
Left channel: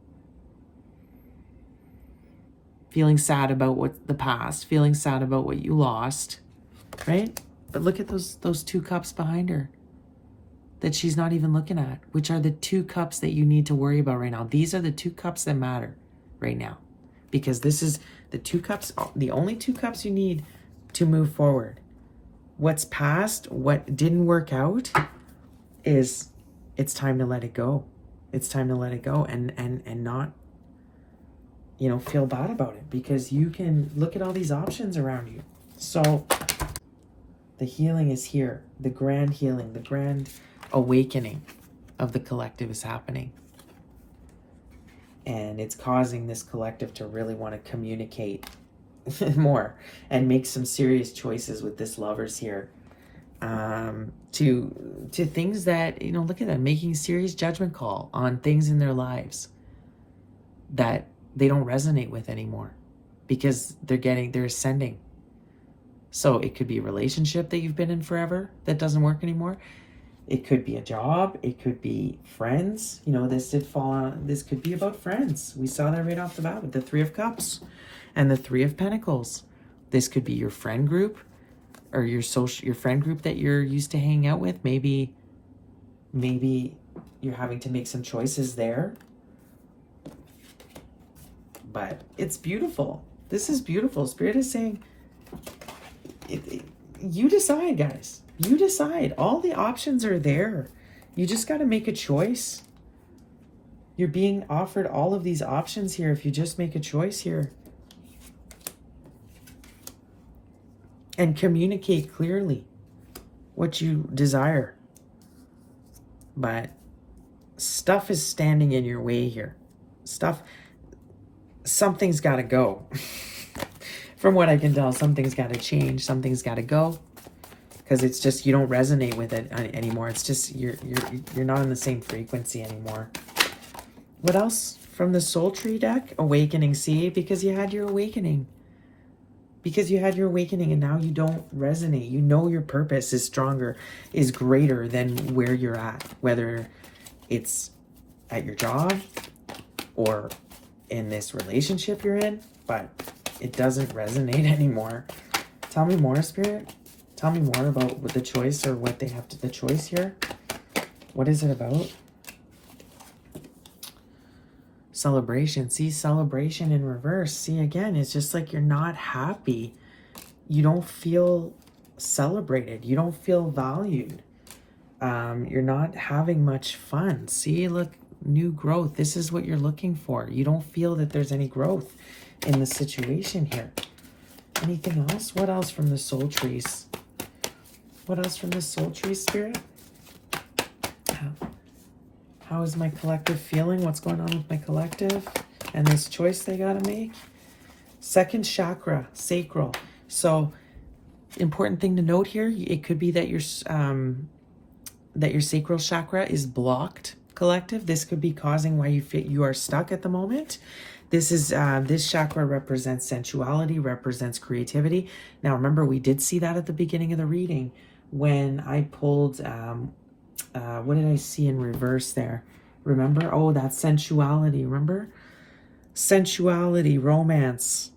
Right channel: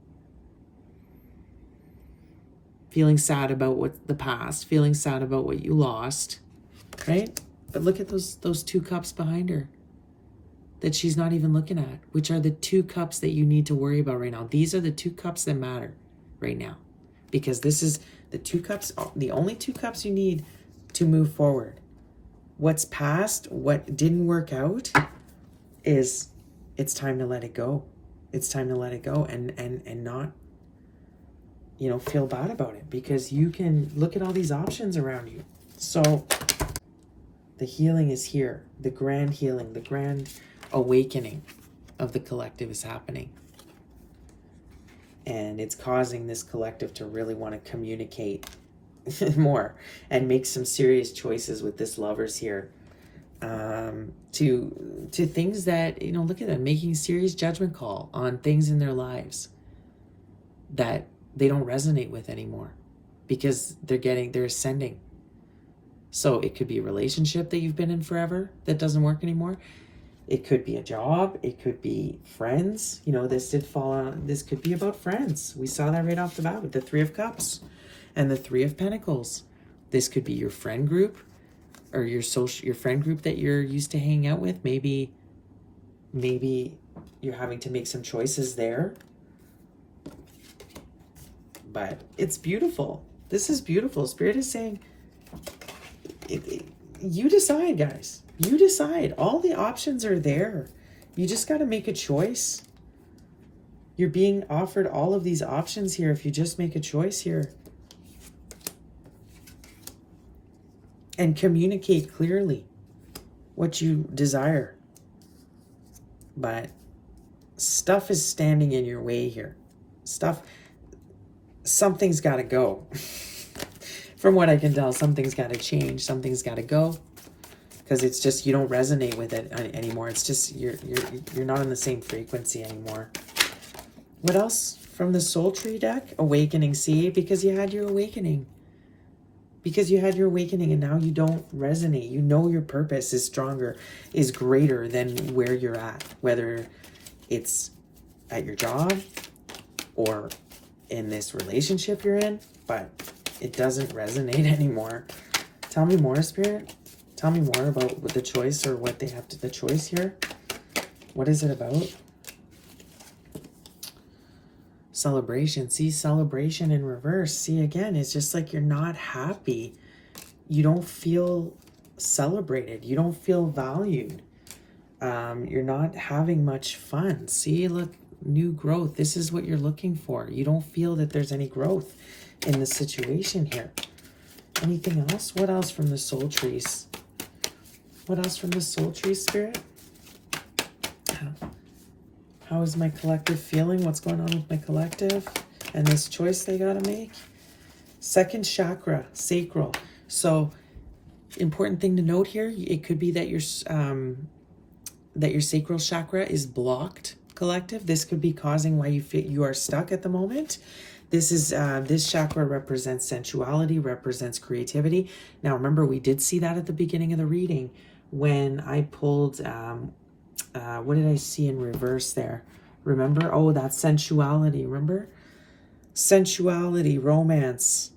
Feeling sad about the past, feeling sad about what you lost, right? But look at those two cups behind her that she's not even looking at, which are the two cups that you need to worry about right now. These are the two cups that matter right now, because this is the two cups, the only two cups you need to move forward. What's past, what didn't work out, it's time to let it go. It's time to let it go and not feel bad about it, because you can look at all these options around you. So the healing is here. The grand healing, the grand awakening of the collective is happening. And it's causing this collective to really want to communicate more and make some serious choices with this lovers here. To things that, you know, look at them making serious judgment call on things in their lives that they don't resonate with anymore because they're ascending. So it could be a relationship that you've been in forever that doesn't work anymore. It could be a job. It could be friends. You know, this did fall on, this could be about friends. We saw that right off the bat with the Three of Cups and the Three of Pentacles. This could be your friend group or your friend group that you're used to hanging out with. Maybe you're having to make some choices there. But it's beautiful. This is beautiful. Spirit is saying, you decide, guys. You decide. All the options are there. You just got to make a choice. You're being offered all of these options here if you just make a choice here. And communicate clearly what you desire. But stuff is standing in your way here. Something's got to go. From what I can tell, something's got to change. Something's got to go. Because it's just, you don't resonate with it anymore. It's just, you're not in the same frequency anymore. What else from the Soul Tree deck? Awakening. See, because you had your awakening. Because you had your awakening and now you don't resonate. You know your purpose is stronger, is greater than where you're at. Whether it's at your job or in this relationship you're in. But it doesn't resonate anymore. Tell me more, Spirit. Tell me more about what the choice or what they have to, the choice here. What is it about? Celebration. See, celebration in reverse. See, again, it's just like you're not happy. You don't feel celebrated. You don't feel valued. You're not having much fun. See, look, new growth. This is what you're looking for. You don't feel that there's any growth in the situation here. Anything else? What else from the soul trees? What else from the soul tree, Spirit? How is my collective feeling? What's going on with my collective? And this choice they got to make? Second chakra, sacral. So, important thing to note here, it could be that your sacral chakra is blocked, collective. This could be causing why you are stuck at the moment. This is this chakra represents sensuality, represents creativity. Now, remember, we did see that at the beginning of the reading when I pulled, what did I see in reverse there? Remember? Oh, that's sensuality, remember? Sensuality, romance,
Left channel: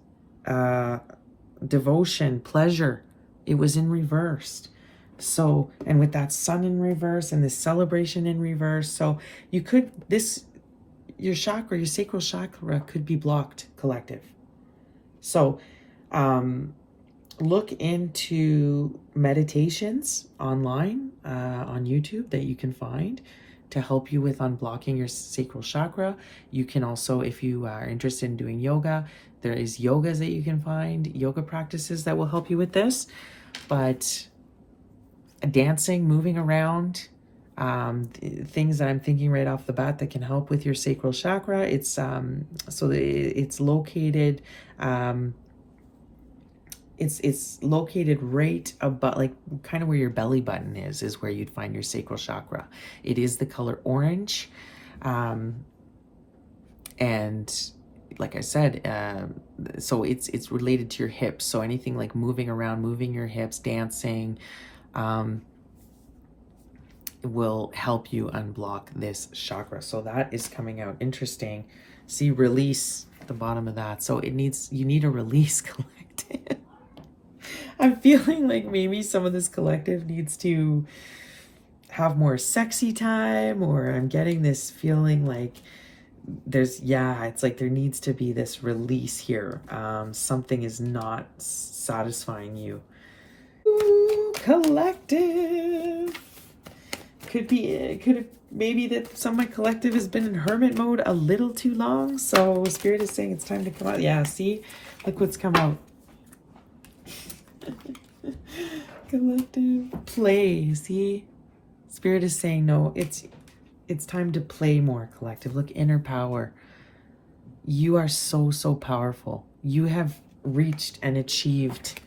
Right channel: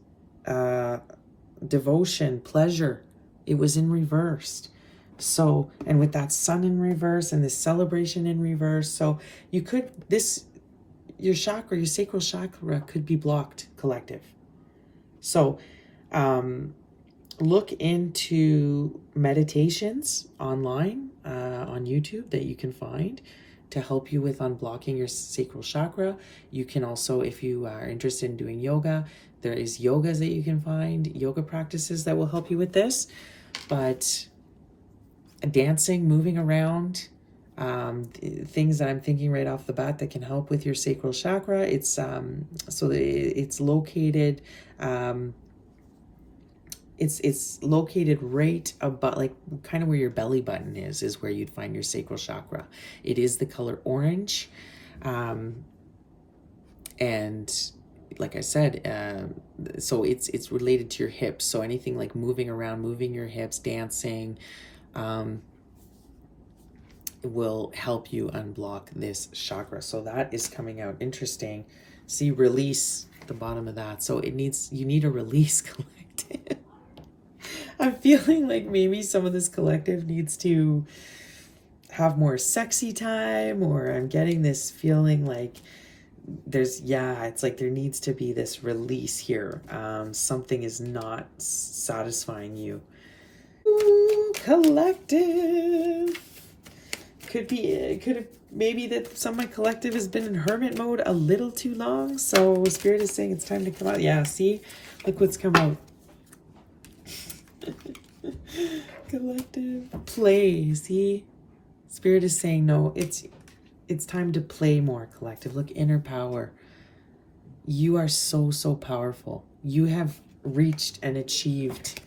devotion, pleasure. It was in reverse. So, and with that sun in reverse and this celebration in reverse, so you could, your chakra, your sacral chakra could be blocked, collective. So, look into meditations online on YouTube that you can find to help you with unblocking your sacral chakra. You can also, if you are interested in doing yoga, there is yogas that you can find, yoga practices that will help you with this. But dancing, moving around, things that I'm thinking right off the bat that can help with your sacral chakra. It's so it's located it's located right above, like kind of where your belly button is where you'd find your sacral chakra. It is the color orange, and like I said, so it's related to your hips. So anything like moving around, moving your hips, dancing, will help you unblock this chakra. So that is coming out. Interesting. See, release at the bottom of that. So you need a release, collective. I'm feeling like maybe some of this collective needs to have more sexy time, or I'm getting this feeling like it's like there needs to be this release here. Something is not satisfying you. Ooh, collective. Could maybe that some of my collective has been in hermit mode a little too long. So Spirit is saying it's time to come out. Yeah, see? Look what's come out. Collective. Play, see? Spirit is saying no, it's time to play more, collective. Look, inner power. You are so, so powerful. You have reached and achieved.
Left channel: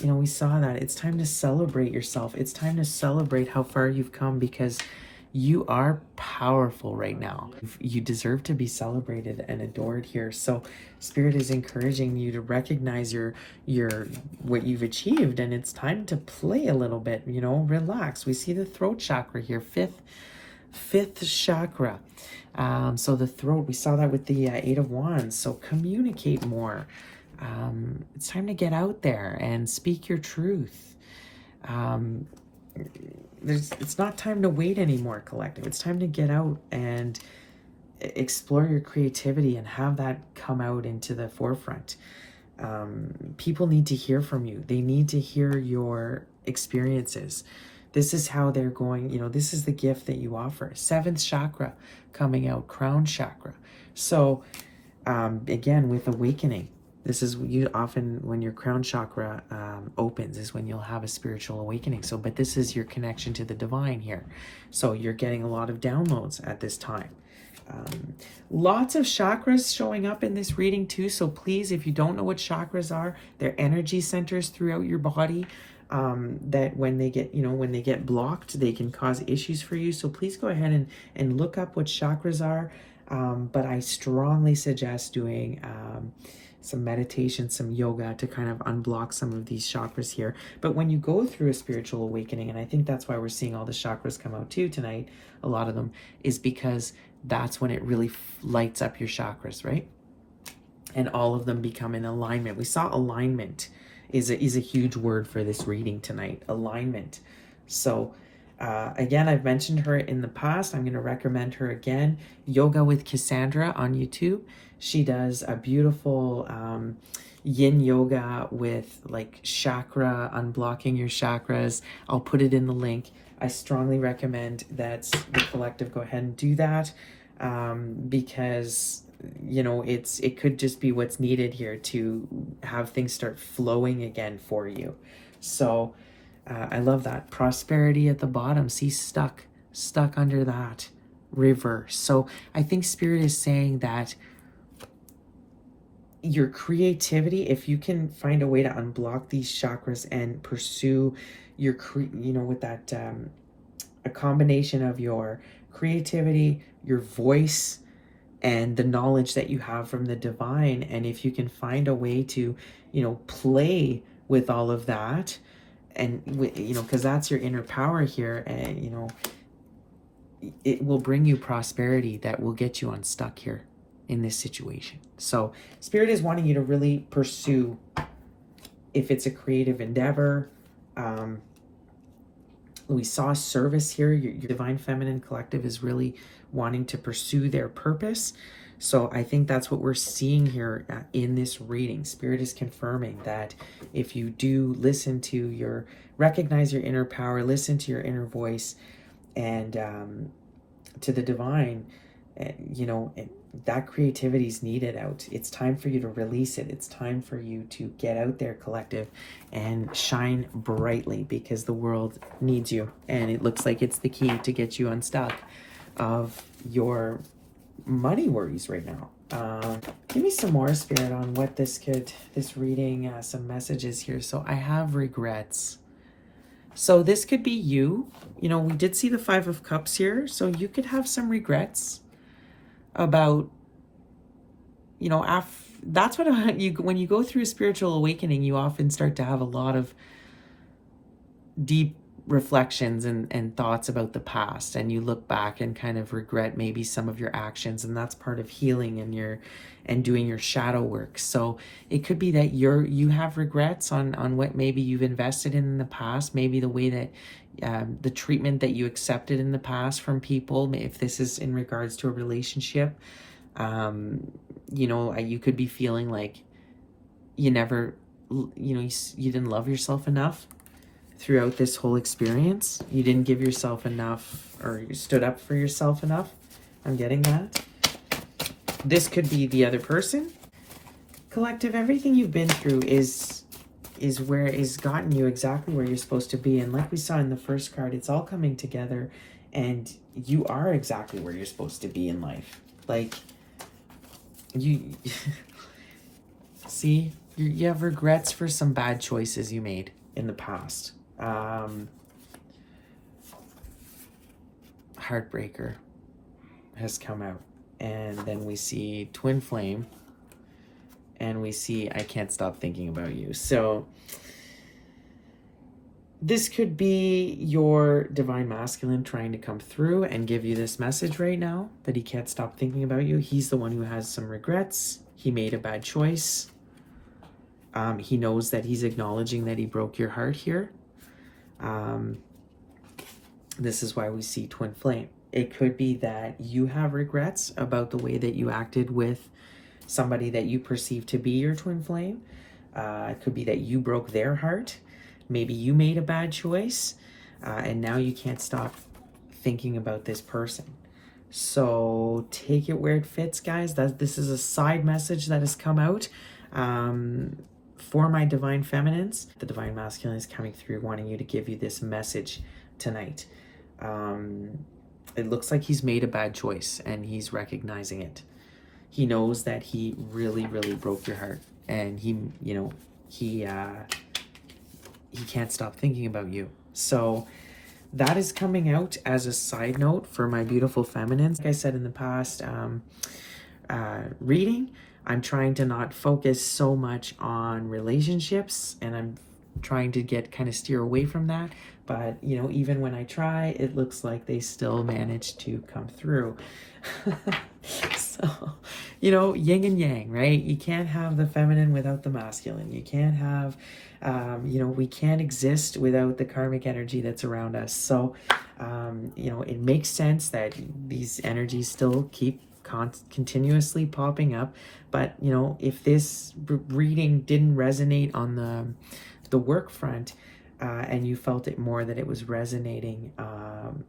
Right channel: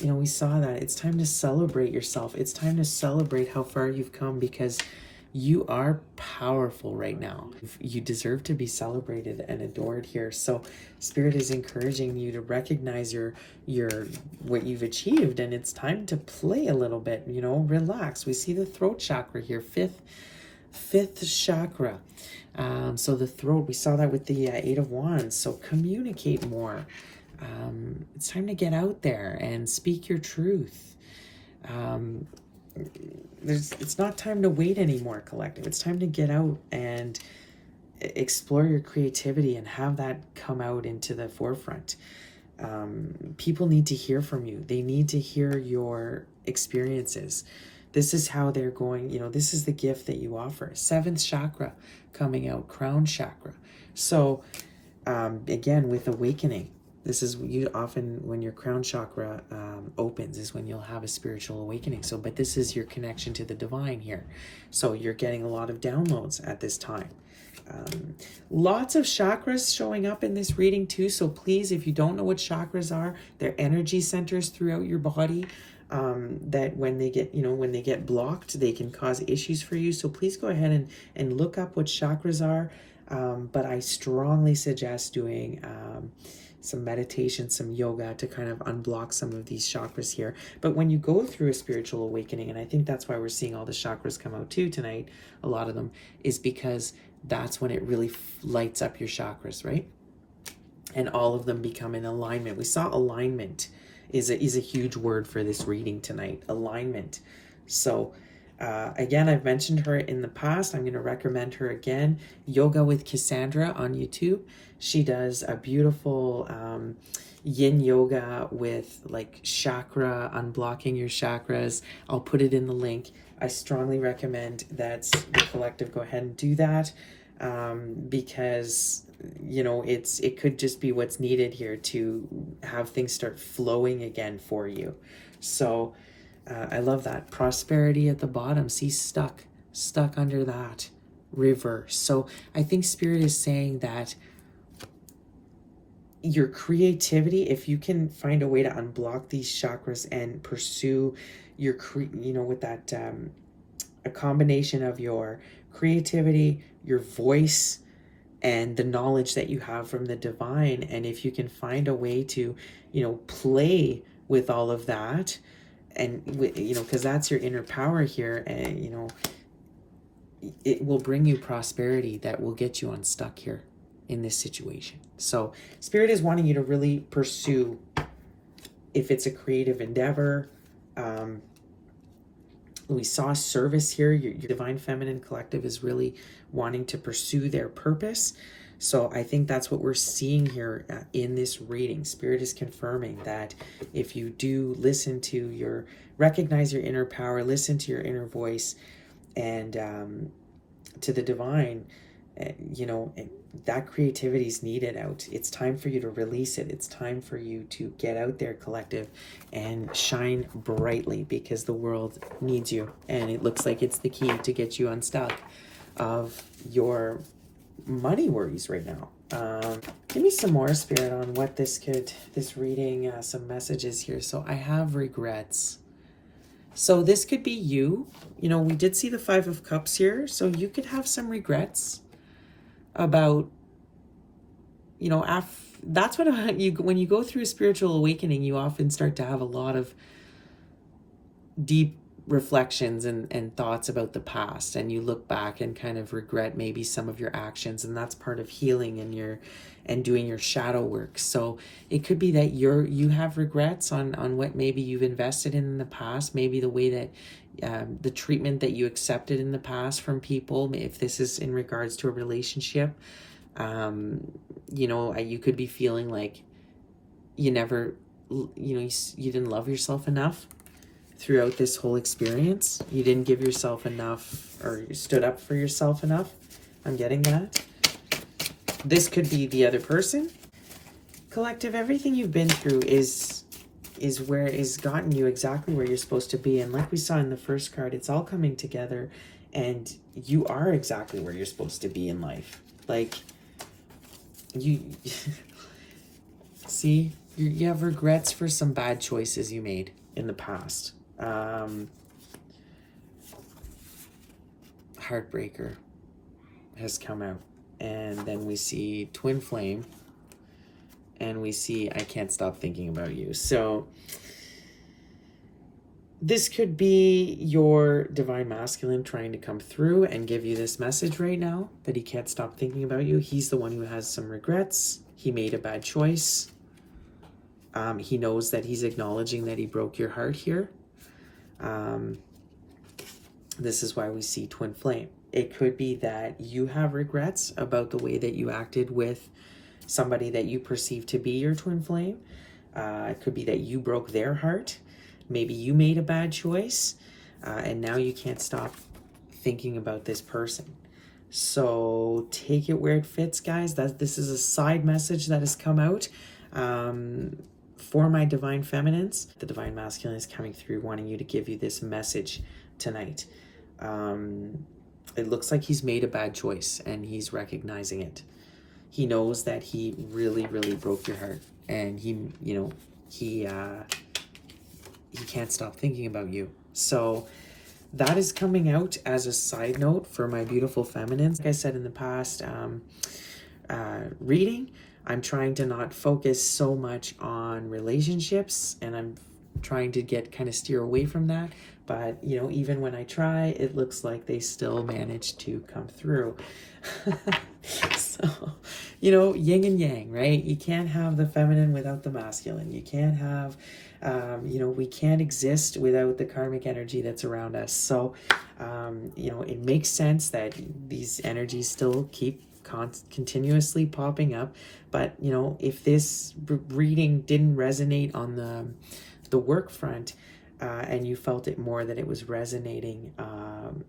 You know, we saw that. It's time to celebrate yourself. It's time to celebrate how far you've come, because you are powerful right now. You deserve to be celebrated and adored here. So Spirit is encouraging you to recognize your what you've achieved, and it's time to play a little bit, you know, relax. We see the throat chakra here, fifth chakra. So the throat, we saw that with the Eight of Wands. So communicate more. It's time to get out there and speak your truth. It's not time to wait anymore, collective. It's time to get out and explore your creativity and have that come out into the forefront. People need to hear from you. They need to hear your experiences. This is how they're going, you know, this is the gift that you offer. Seventh chakra coming out, crown chakra. So again, with awakening, this is you often, when your crown chakra opens, is when you'll have a spiritual awakening. So, but this is your connection to the divine here. So you're getting a lot of downloads at this time. Lots of chakras showing up in this reading too. So please, if you don't know what chakras are, they're energy centers throughout your body. That when they get, you know, when they get blocked, they can cause issues for you. So please go ahead and look up what chakras are. But I strongly suggest doing some meditation, some yoga to kind of unblock some of these chakras here. But when you go through a spiritual awakening, and I think that's why we're seeing all the chakras come out too tonight, a lot of them, is because that's when it really lights up your chakras, right? And all of them become in alignment. We saw alignment is a huge word for this reading tonight, alignment. So again, I've mentioned her in the past. I'm going to recommend her again. Yoga with Cassandra on YouTube. She does a beautiful yin yoga with like chakra, unblocking your chakras. I'll put it in the link. I strongly recommend that the collective go ahead and do that, because you know it could just be what's needed here to have things start flowing again for you. So I love that. Prosperity at the bottom. See, stuck under that river. So I think Spirit is saying that your creativity, if you can find a way to unblock these chakras and pursue your, you know, with that, a combination of your creativity, your voice, and the knowledge that you have from the divine. And if you can find a way to, you know, play with all of that, and you know, because that's your inner power here, and you know, it will bring you prosperity that will get you unstuck here in this situation. So Spirit is wanting you to really pursue, if it's a creative endeavor, we saw service here. Your divine feminine collective is really wanting to pursue their purpose. So I think that's what we're seeing here in this reading. Spirit is confirming that if you do listen to recognize your inner power, listen to your inner voice, and to the divine, you know, that creativity is needed out. It's time for you to release it. It's time for you to get out there, collective, and shine brightly, because the world needs you. And it looks like it's the key to get you unstuck of your money worries right now. Give me some more, Spirit, on what this reading, some messages here. So I have regrets. So this could be you. You know, we did see the Five of Cups here. So you could have some regrets about, you know, that's what when you go through a spiritual awakening, you often start to have a lot of deep reflections and thoughts about the past, and you look back and kind of regret maybe some of your actions, and that's part of healing and doing your shadow work. So it could be that you have regrets on what maybe you've invested in the past, maybe the way that the treatment that you accepted in the past from people, if this is in regards to a relationship. You know, you could be feeling like you never, you know, you didn't love yourself enough throughout this whole experience. You didn't give yourself enough, or you stood up for yourself enough. I'm getting that. This could be the other person. Collective, everything you've been through is gotten you exactly where you're supposed to be. And like we saw in the first card, it's all coming together, and you are exactly where you're supposed to be in life. Like, You see, you have regrets for some bad choices you made in the past. Heartbreaker has come out. And then we see twin flame. And we see I can't stop thinking about you. So this could be your divine masculine trying to come through and give you this message right now that he can't stop thinking about you. He's the one who has some regrets. He made a bad choice. He knows that he's acknowledging that he broke your heart here. This is why we see twin flame. It could be that you have regrets about the way that you acted with somebody that you perceive to be your twin flame. It could be that you broke their heart. Maybe you made a bad choice, and now you can't stop thinking about this person. So take it where it fits, guys. This is a side message that has come out for my divine feminines. The divine masculine is coming through, wanting you to give you this message tonight. It looks like he's made a bad choice, and he's recognizing it. He knows that he really, really broke your heart, and he can't stop thinking about you. So that is coming out as a side note for my beautiful feminines. Like I said in the past reading, I'm trying to not focus so much on relationships, and I'm trying to kind of steer away from that. But, you know, even when I try, it looks like they still manage to come through. So, you know, yin and yang, right? You can't have the feminine without the masculine. You can't have, we can't exist without the karmic energy that's around us. So, it makes sense that these energies still keep continuously popping up. But, if this reading didn't resonate on the work front, and you felt it more that it was resonating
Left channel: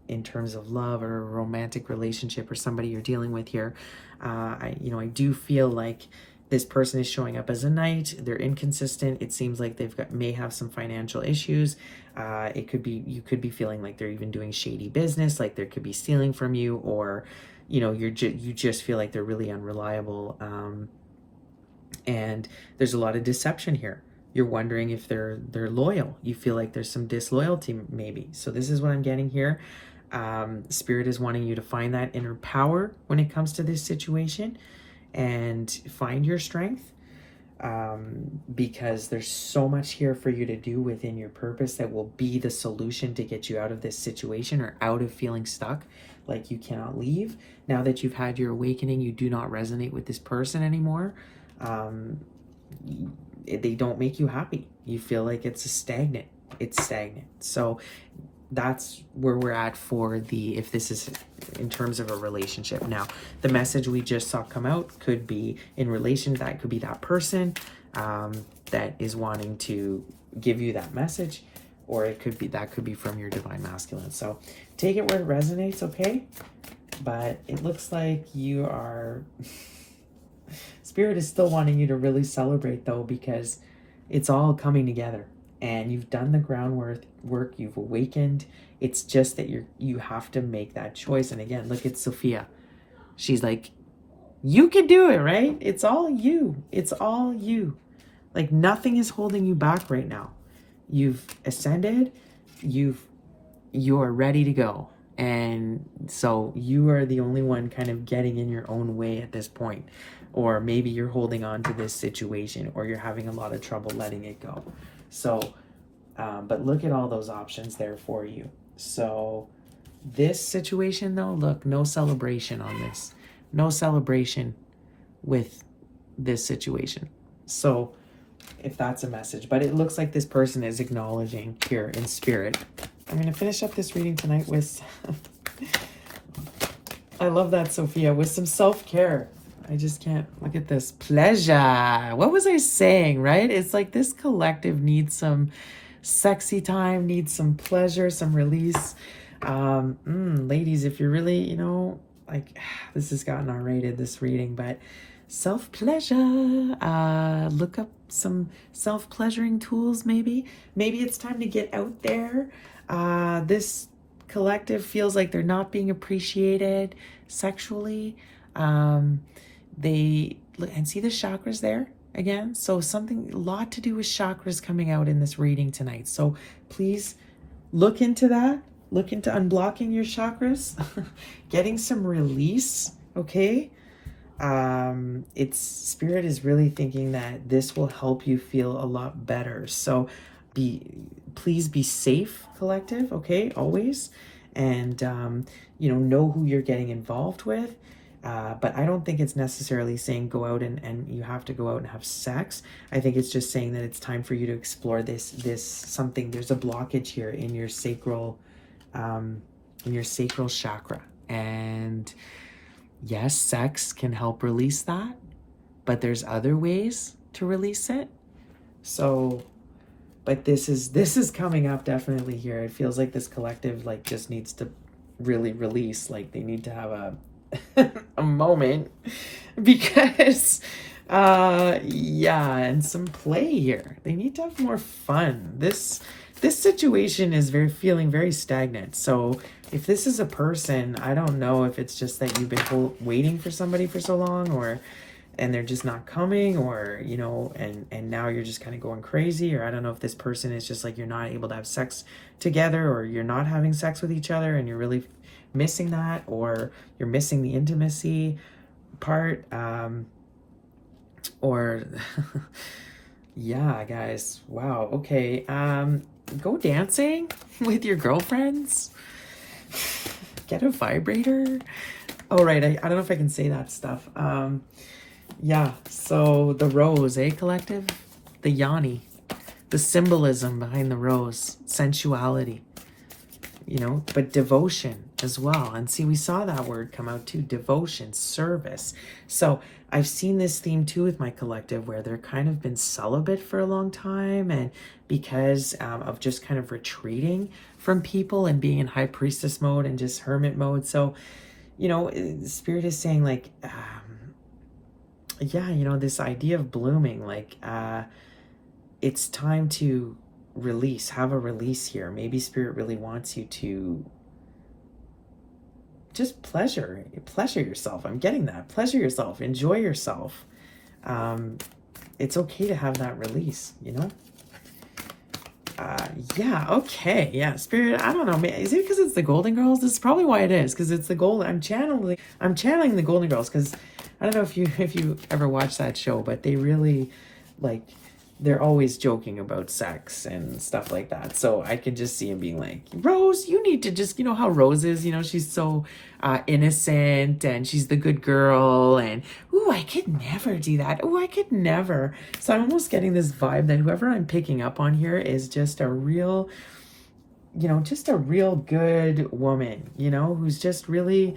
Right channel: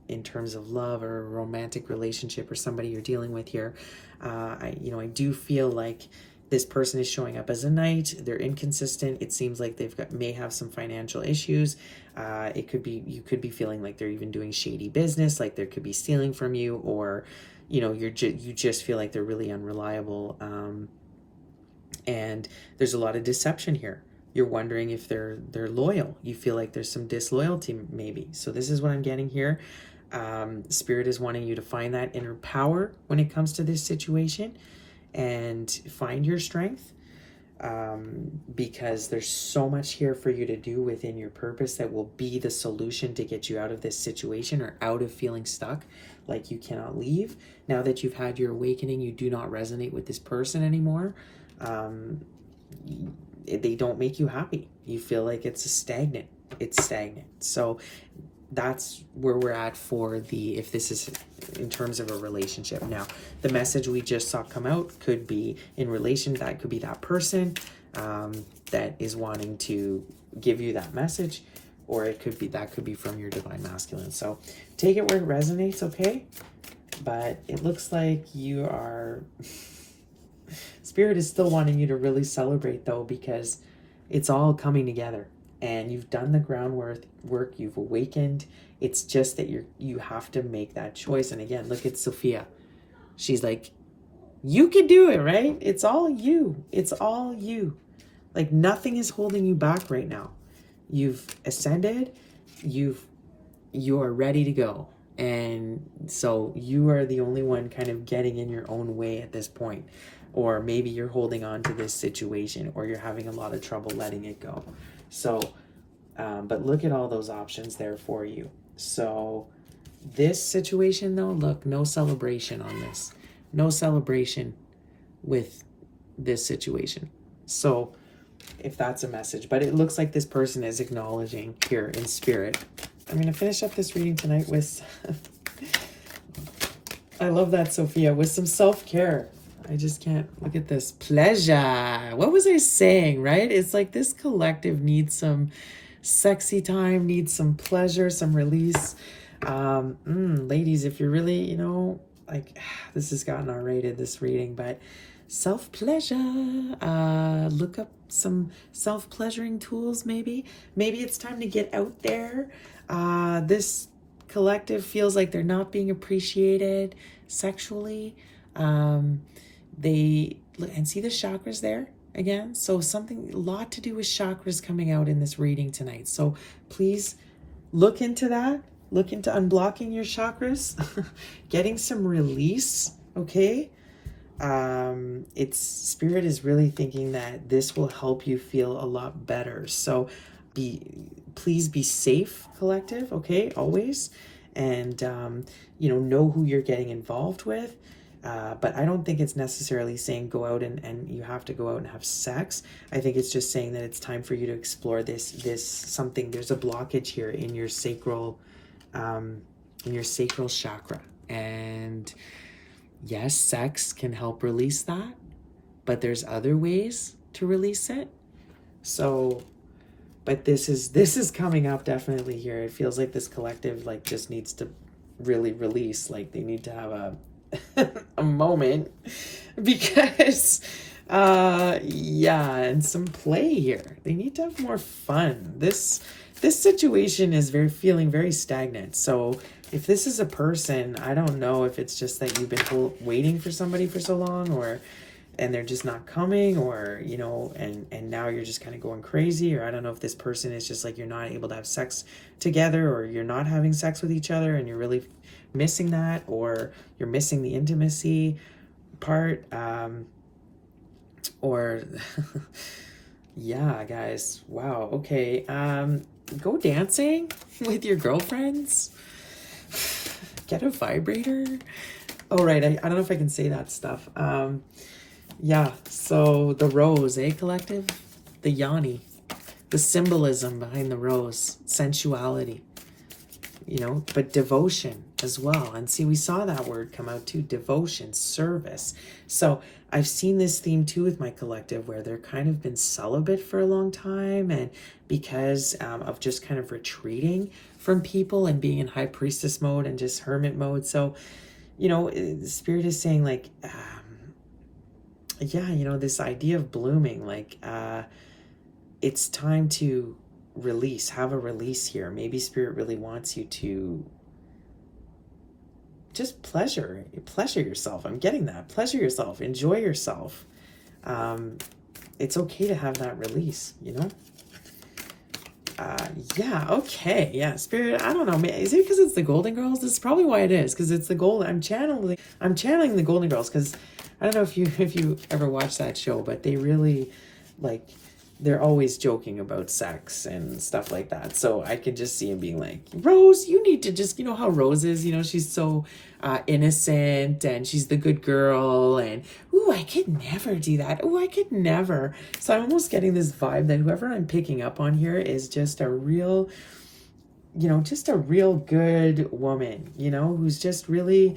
in terms of love or a romantic relationship or somebody you're dealing with here, I do feel like this person is showing up as a knight. They're inconsistent. It seems like may have some financial issues. You could be feeling like they're even doing shady business, like there could be stealing from you, or you just feel like they're really unreliable. And there's a lot of deception here. You're wondering if they're loyal. You feel like there's some disloyalty maybe. So this is what I'm getting here. Spirit is wanting you to find that inner power when it comes to this situation and find your strength, because there's so much here for you to do within your purpose that will be the solution to get you out of this situation or out of feeling stuck like you cannot leave. Now that you've had your awakening, you do not resonate with this person anymore. They don't make you happy. You feel like it's stagnant. So that's where we're at for if this is in terms of a relationship. Now, the message we just saw come out could be in relation. That could be that person that is wanting to give you that message, or that could be from your divine masculine. So take it where it resonates, okay? But it looks like you are... Spirit is still wanting you to really celebrate, though, because it's all coming together and you've done the groundwork, you've awakened. It's just that you have to make that choice. And again, look at Sophia. She's like, you can do it, right? It's all you. It's all you. Like, nothing is holding you back right now. You've ascended. You are ready to go. And so you are the only one kind of getting in your own way at this point. Or maybe you're holding on to this situation, or you're having a lot of trouble letting it go. So, but look at all those options there for you. So this situation, though, look, no celebration on this. No celebration with this situation. So if that's a message, but it looks like this person is acknowledging here in spirit. I'm going to finish up this reading tonight with, I love that, Sophia, with some self-care. I just can't look at this. Pleasure. What was I saying, right? It's like this collective needs some sexy time, needs some pleasure, some release. Ladies, if you're really, this has gotten R-rated, this reading, but self-pleasure. Look up some self-pleasuring tools, maybe. Maybe it's time to get out there. This collective feels like they're not being appreciated sexually. they look and see the chakras there again. So something, a lot to do with chakras coming out in this reading tonight. So please look into that. Look into unblocking your chakras, getting some release. Okay. It's spirit is really thinking that this will help you feel a lot better. So please be safe, collective. Okay. Always. And, know who you're getting involved with. But I don't think it's necessarily saying go out and you have to go out and have sex. I think it's just saying that it's time for you to explore this something. There's a blockage here in your sacral chakra. And yes, sex can help release that, but there's other ways to release it. So, but this is coming up definitely here. It feels like this collective like just needs to really release. Like they need to have a moment, because and some play here. They need to have more fun. This situation is feeling very stagnant. So if this is a person, I don't know if it's just that you've been waiting for somebody for so long, and they're just not coming, or and now you're just kind of going crazy, or I don't know if this person is just like you're not able to have sex together, or you're not having sex with each other and you're really missing that, or you're missing the intimacy part, or yeah, guys, wow. Okay, go dancing with your girlfriends, get a vibrator. Oh right, I don't know if I can say that stuff. Yeah, so the rose, collective? The yoni, the symbolism behind the rose, sensuality, but devotion as well. And see, we saw that word come out too, devotion, service. So I've seen this theme too with my collective, where they're kind of been celibate for a long time, and because of just kind of retreating from people and being in high priestess mode and just hermit mode. So, Spirit is saying like, this idea of blooming, like it's time to release, have a release here. Maybe Spirit really wants you to just pleasure yourself. I'm getting that. Pleasure yourself, enjoy yourself. It's okay to have that release, okay. Yeah, Spirit, I don't know. Is it because it's the Golden Girls? This is probably why it is, because it's the I'm channeling the Golden Girls, because I don't know if you ever watched that show, but they really, like, they're always joking about sex and stuff like that. So I could just see him being like, Rose, you need to just, how Rose is, she's so innocent and she's the good girl, and ooh, I could never do that. Ooh, I could never. So I'm almost getting this vibe that whoever I'm picking up on here is just a real, just a real good woman, who's just really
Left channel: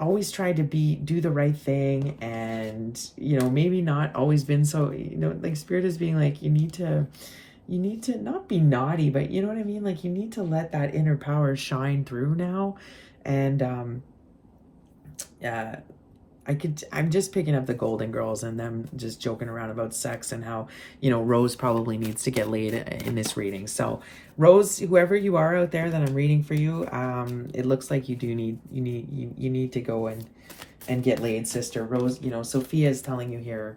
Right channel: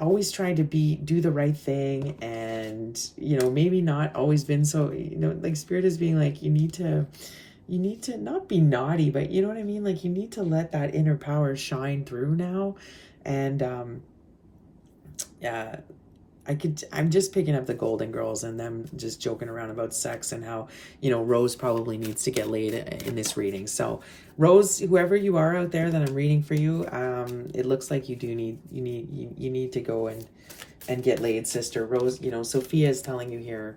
always tried to do the right thing, and maybe not always been so, like Spirit is being like, you need to not be naughty, but you know what I mean, like you need to let that inner power shine through now. And I'm just picking up the Golden Girls and them just joking around about sex, and how Rose probably needs to get laid in this reading. So Rose, whoever you are out there that I'm reading for you, it looks like you need to go and get laid, sister. Rose, Sophia is telling you here,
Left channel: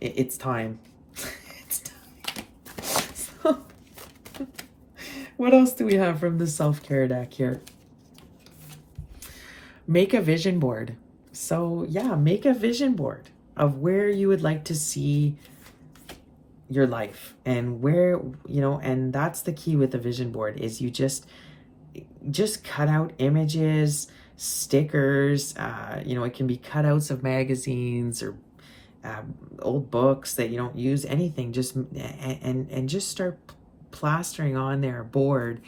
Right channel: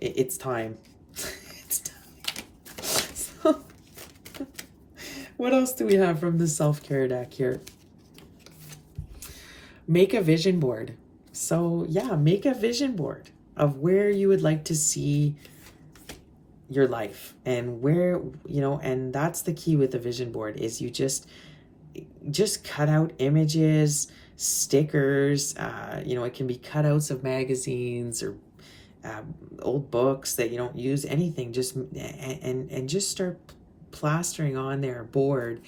it's time. It's time. So, what else do we have from the self-care deck here? Make a vision board. So yeah, make a vision board of where you would like to see your life, and where, and that's the key with the vision board, is you just cut out images, stickers, it can be cutouts of magazines or old books that you don't use, anything, just and just start plastering on their board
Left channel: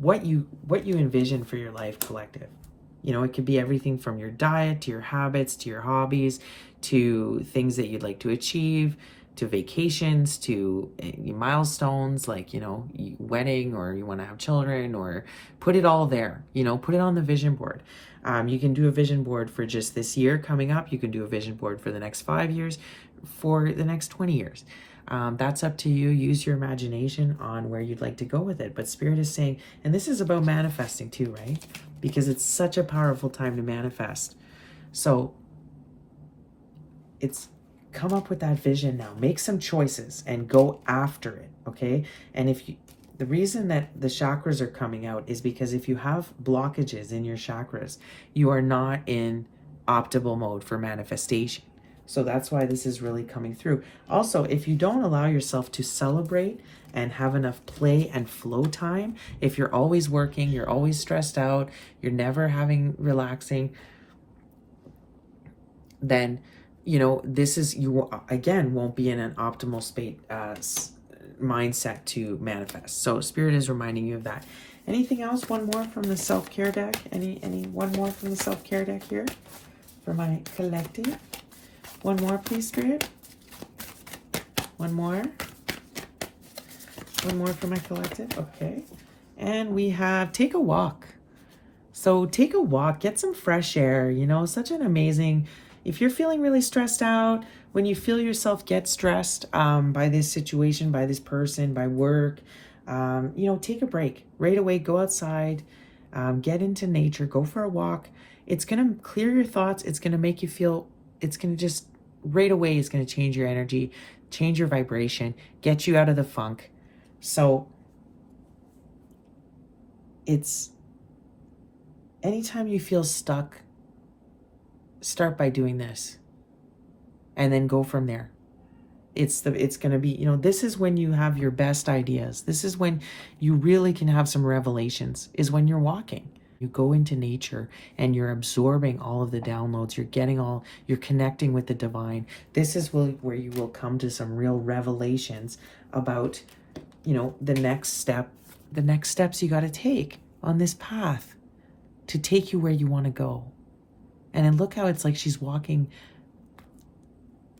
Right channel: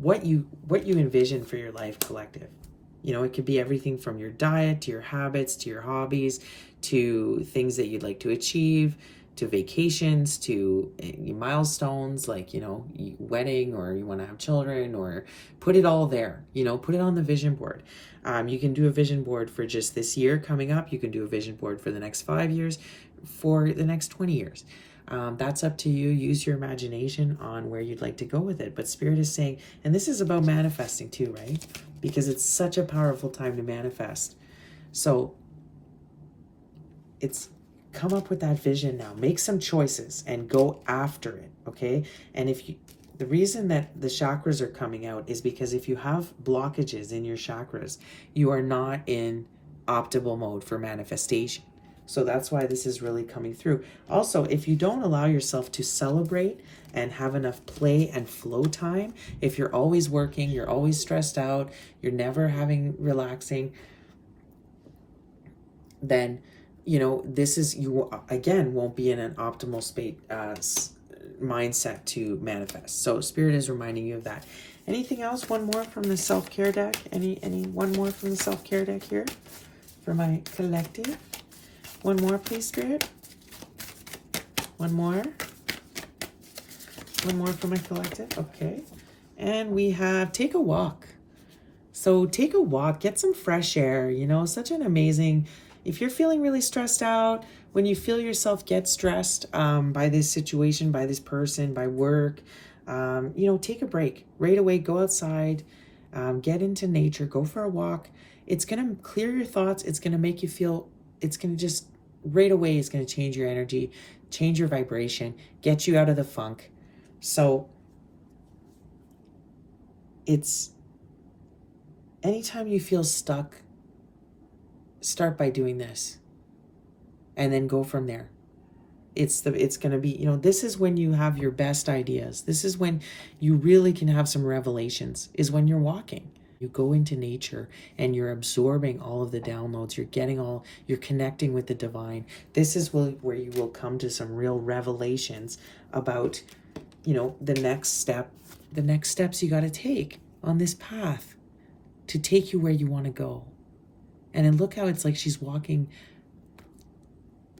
what you envision for your life, collective. It could be everything from your diet to your habits to your hobbies to things that you'd like to achieve, to vacations, to milestones like, wedding, or you want to have children, or put it all there, put it on the vision board. You can do a vision board for just this year coming up. You can do a vision board for the next 5 years, for the next 20 years. That's up to you. Use your imagination on where you'd like to go with it. But Spirit is saying, and this is about manifesting too, right? Because it's such a powerful time to manifest. So it's come up with that vision now. Make some choices and go after it, okay? And if you, the reason that the chakras are coming out is because if you have blockages in your chakras, you are not in optimal mode for manifestation. So that's why this is really coming through. Also, if you don't allow yourself to celebrate and have enough play and flow time, if you're always working, you're always stressed out, you're never having relaxing, then, you know, this is, you again won't be in an optimal mindset to manifest. So Spirit is reminding you of that. Anything else? One more from the self-care deck? Any one more from the self-care deck here for my collective? One more, please, Spirit. One more. One more for my collective. Okay. And we have take a walk. So take a walk, get some fresh air, you know, such an amazing, if you're feeling really stressed out, when you feel yourself get stressed by this situation, by this person, by work, you know, take a break right away, go outside, get into nature, go for a walk. It's going to clear your thoughts. It's going to make you feel, it's going to just right away, it's going to change your energy, change your vibration, get you out of the funk. So it's, anytime you feel stuck, start by doing this and then go from there. It's going to be, you know, this is when you have your best ideas. This is when you really can have some revelations, is when you're walking. You go into nature and you're absorbing all of the downloads. You're connecting with the divine. This is where you will come to some real revelations about, you know, the next steps you got to take on this path to take you where you want to go. And then look how it's like she's walking.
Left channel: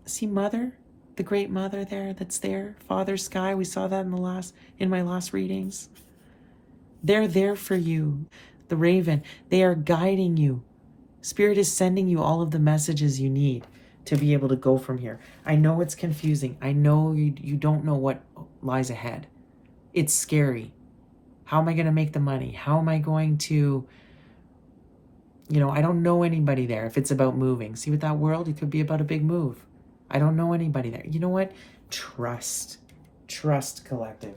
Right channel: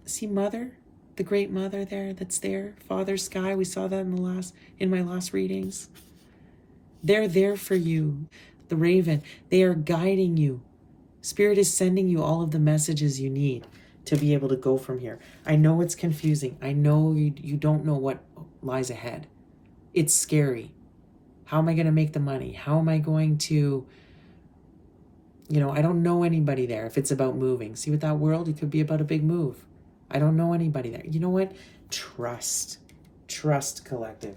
See Mother, the great Mother there that's there, Father Sky. We saw that in my last readings. They're there for you. The Raven, they are guiding you. Spirit is sending you all of the messages you need to be able to go from here. I know it's confusing. I know you don't know what lies ahead. It's scary. How am I going to make the money? How am I going to, you know, I don't know anybody there. If it's about moving, see with that world, it could be about a big move. I don't know anybody there. You know what? Trust collective,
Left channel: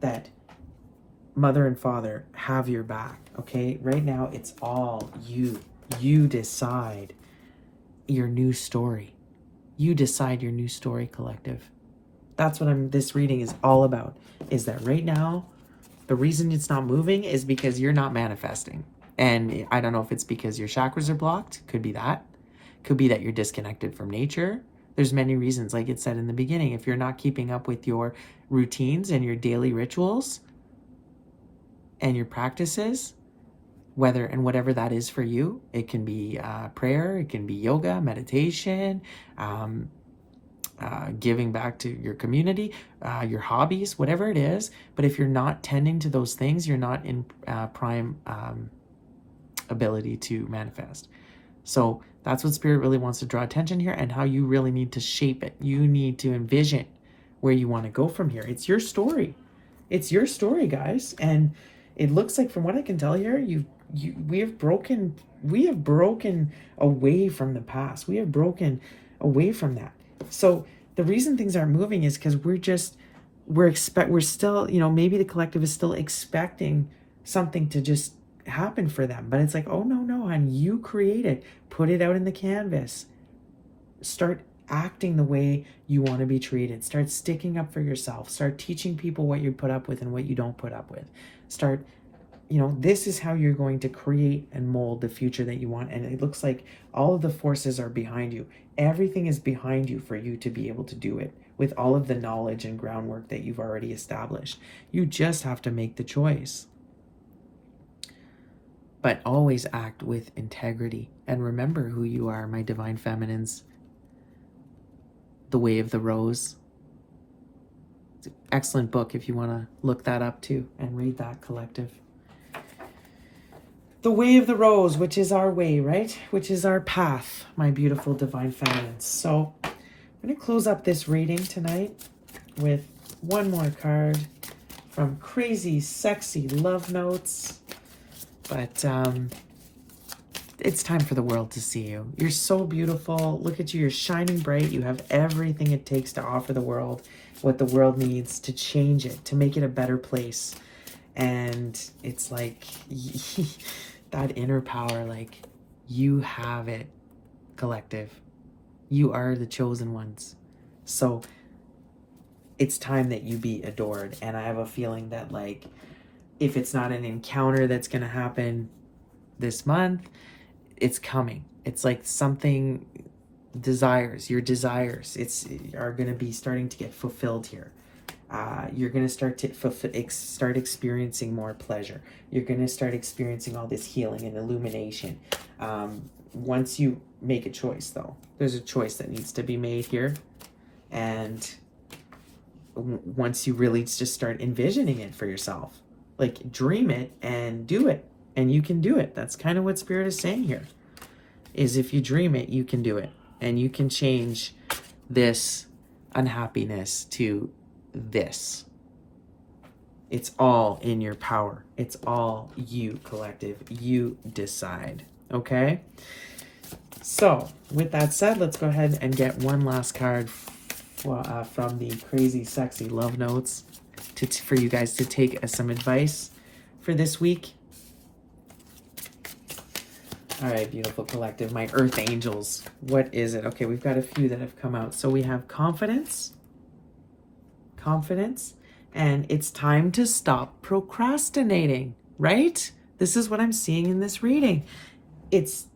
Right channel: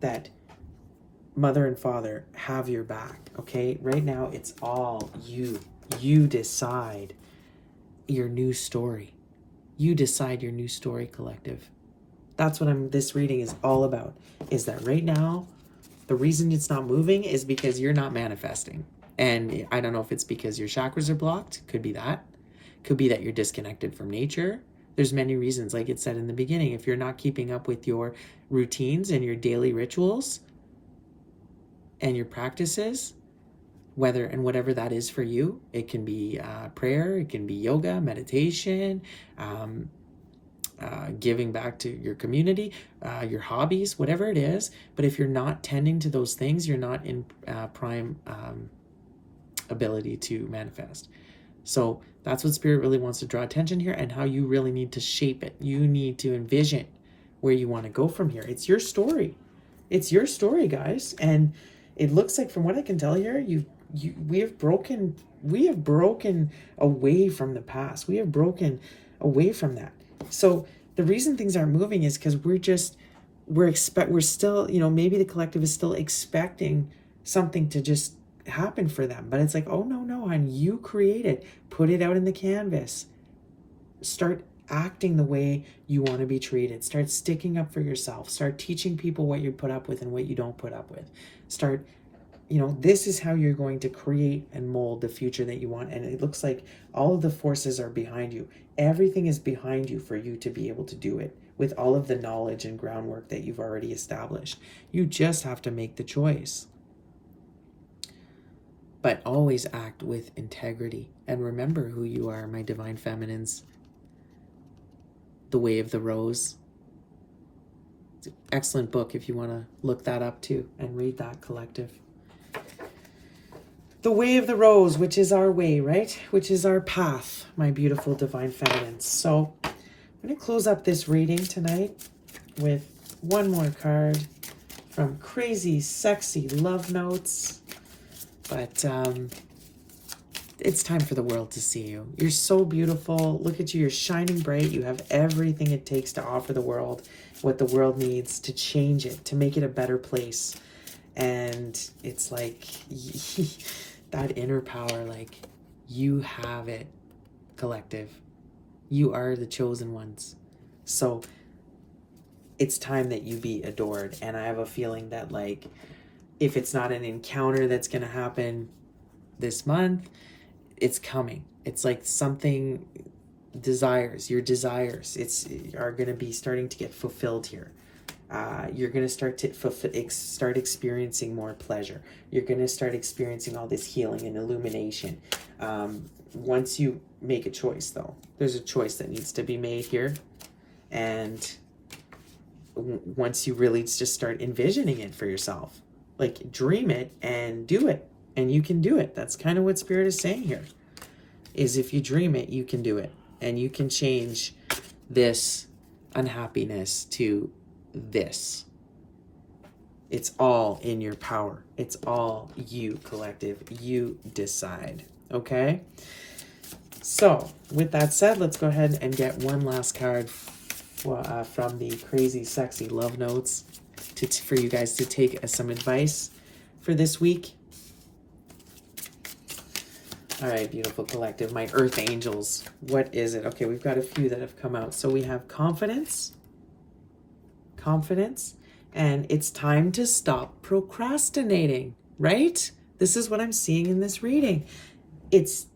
that Mother and Father have your back. Okay. Right now it's all you decide your new story. You decide your new story, collective. That's what this reading is all about, is that right now, the reason it's not moving is because you're not manifesting. And I don't know if it's because your chakras are blocked. Could be that. Could be that you're disconnected from nature. There's many reasons, like it said in the beginning. If you're not keeping up with your routines and your daily rituals and your practices, whatever that is for you, it can be prayer, it can be yoga, meditation, giving back to your community, your hobbies, whatever it is. But if you're not tending to those things, you're not in prime ability to manifest. So that's what Spirit really wants to draw attention here, and how you really need to shape it. You need to envision where you want to go from here. It's your story. It's your story, guys. And it looks like, from what I can tell here, we have broken away from the past. We have broken away from that. So the reason things aren't moving is because we're still, you know, maybe the collective is still expecting something to just happen for them. But it's like, oh no, hon, you create it. Put it out in the canvas. Start acting the way you want to be treated. Start sticking up for yourself. Start teaching people what you put up with and what you don't put up with. Start, you know, this is how you're going to create and mold the future that you want. And it looks like all of the forces are behind you. Everything is behind you for you to be able to do it with all of the knowledge and groundwork that you've already established. You just have to make the choice. But always act with integrity. And remember who you are, my divine feminines. The Way of the Rose. It's an excellent book if you want to look that up too and read that, collective. The Way of the Rose, which is our way, right? Which is our path, my beautiful divine feminines. So I'm going to close up this reading tonight with one more card from Crazy Sexy Love Notes. But it's time for the world to see you. You're so beautiful. Look at you. You're shining bright. You have everything it takes to offer the world what the world needs to change it, to make it a better place. And it's like that inner power, like you have it, collective. You are the chosen ones. So it's time that you be adored. And I have a feeling that, like, if it's not an encounter that's going to happen this month, it's coming. It's like something, your desires are going to be starting to get fulfilled here. You're going to start experiencing more pleasure. You're going to start experiencing all this healing and illumination. Once you make a choice, though, there's a choice that needs to be made here. And once you really just start envisioning it for yourself, like dream it and do it, and you can do it. That's kind of what Spirit is saying here, is if you dream it, you can do it, and you can change this unhappiness to this. It's all in your power. It's all you, collective. You decide. Okay? So, with that said, let's go ahead and get one last card from the Crazy Sexy Love Notes for you guys to take some advice for this week. All right, beautiful collective. My Earth Angels. What is it? Okay, we've got a few that have come out. So we have confidence, and it's time to stop procrastinating, right? This is what I'm seeing in this reading. It's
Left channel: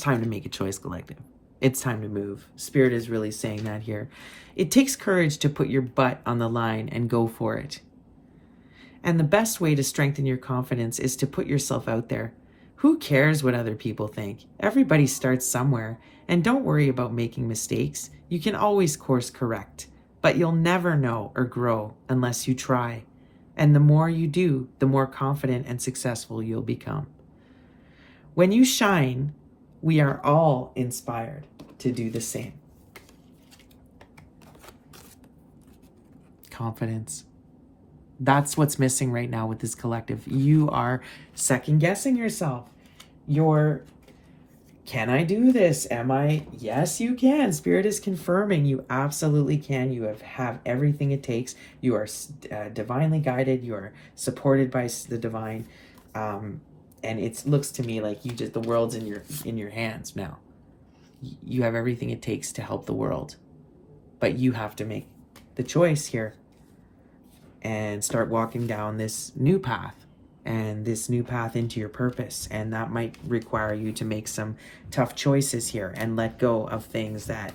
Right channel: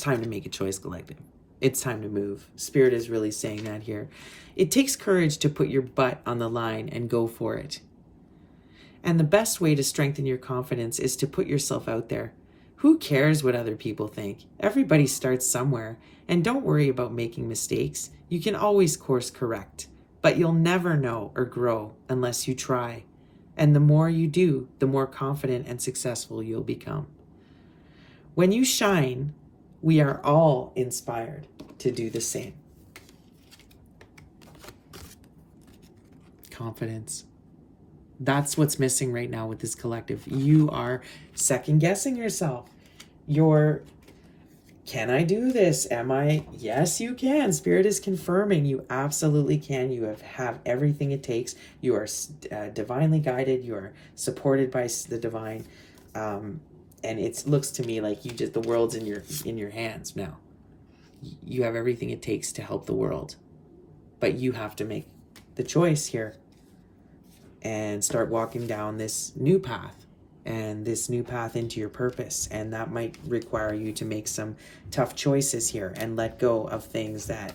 time to make a choice, collective. It's time to move. Spirit is really saying that here. It takes courage to put your butt on the line and go for it. And the best way to strengthen your confidence is to put yourself out there. Who cares what other people think? Everybody starts somewhere. And don't worry about making mistakes. You can always course correct. But you'll never know or grow unless you try. And the more you do, the more confident and successful you'll become. When you shine, we are all inspired to do the same. Confidence. That's what's missing right now with this collective. You are second guessing yourself. Can I do this? Yes, you can. Spirit is confirming you absolutely can. You have everything it takes. You are divinely guided. You are supported by the divine. And it looks to me like the world's in your hands now. You have everything it takes to help the world. But you have to make the choice here and start walking down this new path, and this new path into your purpose. And that might require you to make some tough choices here and let go of things that,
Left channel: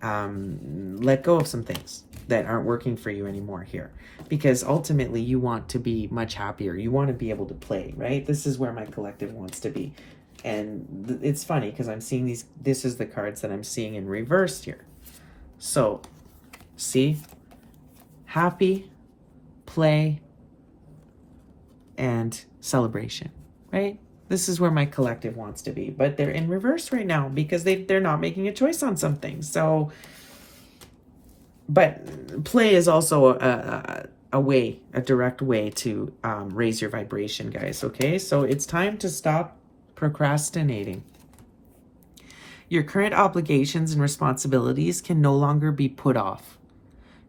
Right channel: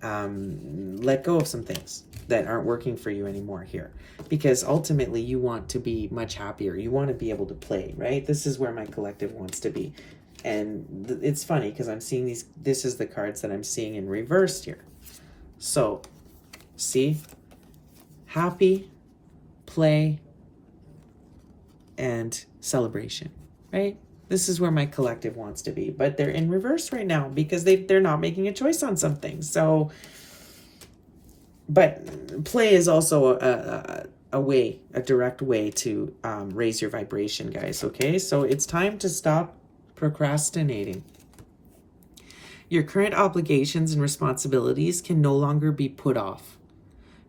let go of some things that aren't working for you anymore here. Because ultimately you want to be much happier. You want to be able to play, right? This is where my collective wants to be. And it's funny because I'm seeing this is the cards that I'm seeing in reversed here. So, see? Happy, play, and celebration, right? This is where my collective wants to be, but they're in reverse right now because they're not making a choice on something. So, but play is also a direct way to raise your vibration, guys, okay? So it's time to stop procrastinating. Your current obligations and responsibilities can no longer be put off.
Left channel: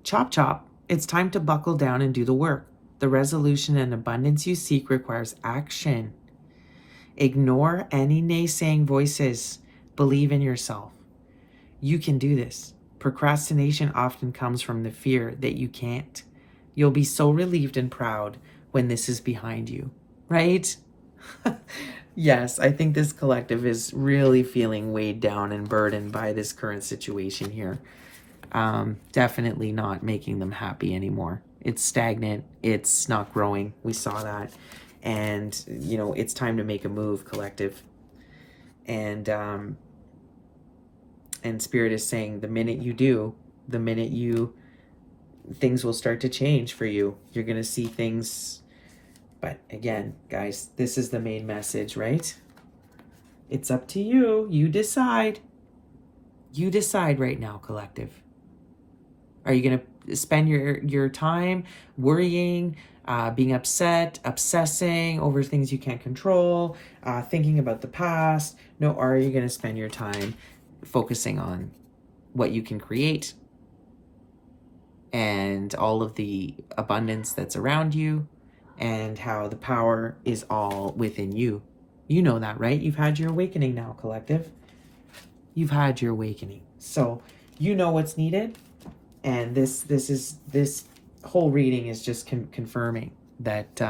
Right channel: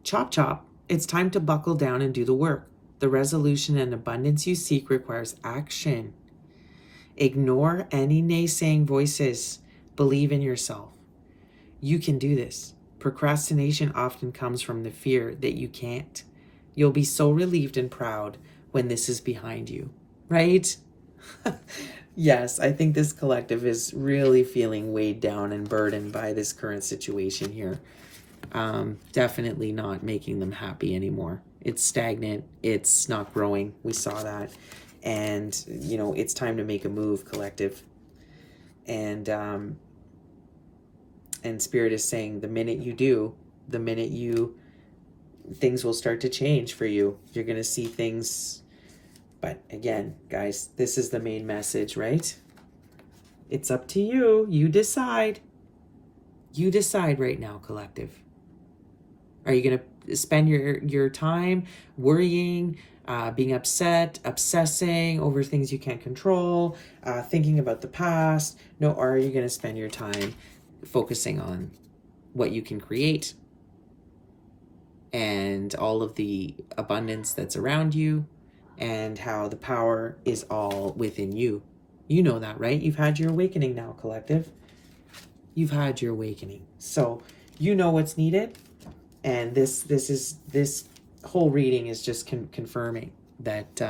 Chop chop, it's time to buckle down and do the work. The resolution and abundance you seek requires action. Ignore any naysaying voices. Believe in yourself. You can do this. Procrastination often comes from the fear that you can't. You'll be so relieved and proud when this is behind you, right? Yes, I think this collective is really feeling weighed down and burdened by this current situation here. Definitely not making them happy anymore. It's stagnant. It's not growing. We saw that. And, it's time to make a move, collective. And Spirit is saying the minute you do, things will start to change for you. You're going to see things. But again, guys, this is the main message, right? It's up to you. You decide. You decide right now, collective. Are you going to spend your time worrying, being upset, obsessing over things you can't control, thinking about the past? No, or are you going to spend your time focusing on what you can create and all of the abundance that's around you and how the power is all within you? You know that, right? You've had your awakening now, collective. You've had your awakening. So you know what's needed. And this whole reading is just confirming that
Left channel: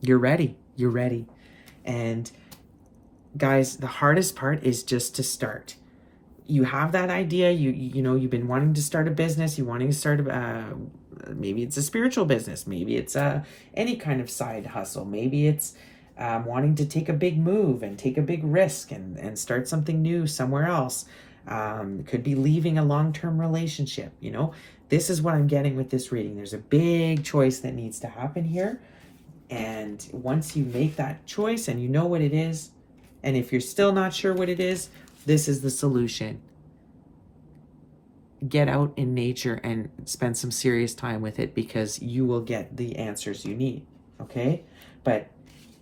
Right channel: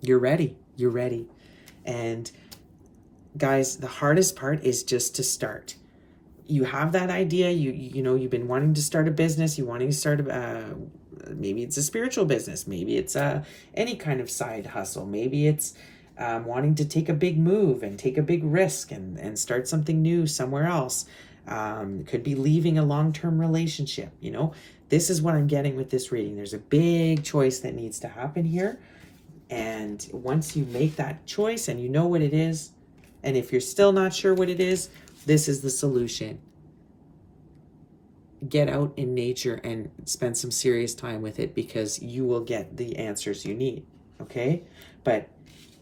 you're ready. You're ready. And guys, the hardest part is just to start. You have that idea. You know, you've been wanting to start a business. You wanting to start maybe it's a spiritual business. Maybe it's any kind of side hustle. Maybe it's wanting to take a big move and take a big risk and start something new somewhere else. It could be leaving a long-term relationship. You know, this is what I'm getting with this reading. There's a big choice that needs to happen here. And once you make that choice and you know what it is, and if you're still not sure what it is, this is the solution. Get out in nature and spend some serious time with it, because you will get the answers you need, okay? But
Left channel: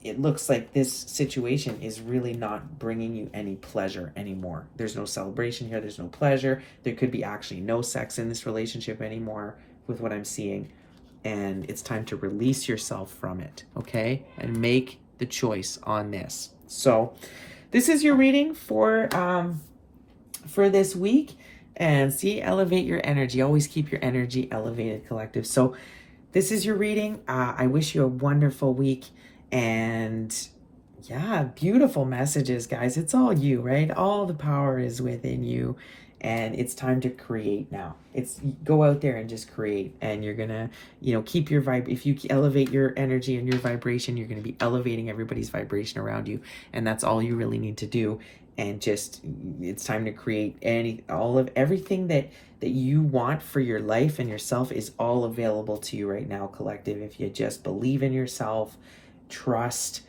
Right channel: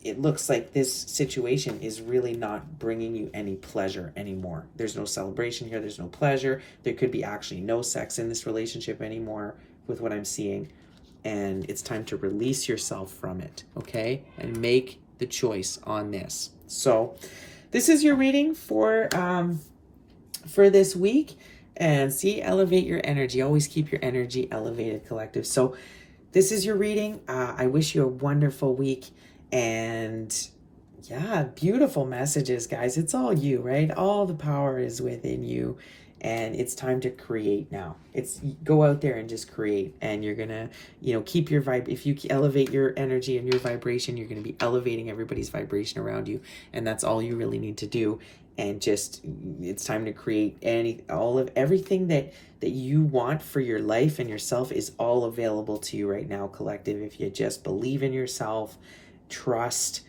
it looks like this situation is really not bringing you any pleasure anymore. There's no celebration here. There's no pleasure. There could be actually no sex in this relationship anymore with what I'm seeing. And it's time to release yourself from it, okay? And make the choice on this. So this is your reading for this week. And see, elevate your energy. Always keep your energy elevated, collective. So this is your reading. I wish you a wonderful week. And yeah, beautiful messages, guys. It's all you, right? All the power is within you. And it's time to create now. It's go out there and just create. And you're going to, you know, keep your vibe. If you elevate your energy and your vibration, you're going to be elevating everybody's vibration around you. And that's all you really need to do. And just, it's time to create everything that you want for your life and yourself is all available to you right now, collective. If you just believe in yourself, trust,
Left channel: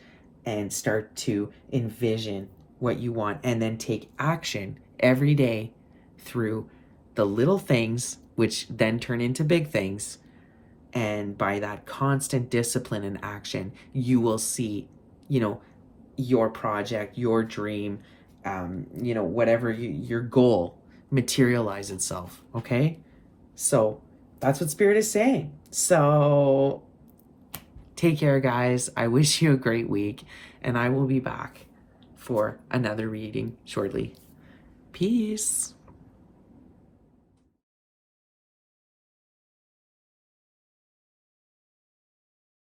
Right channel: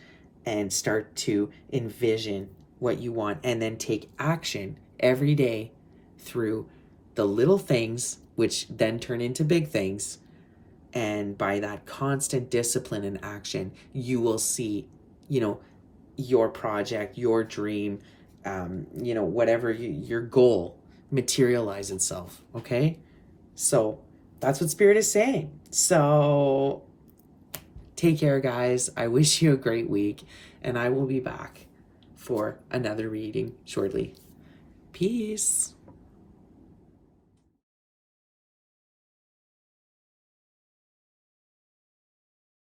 and start to envision what you want, and then take action every day through the little things, which then turn into big things. And by that constant discipline and action, you will see, you know, your project, your dream, you know, whatever your goal materialize itself. Okay. So that's what Spirit is saying. So take care, guys. I wish you a great week, and I will be back for another reading shortly. Peace.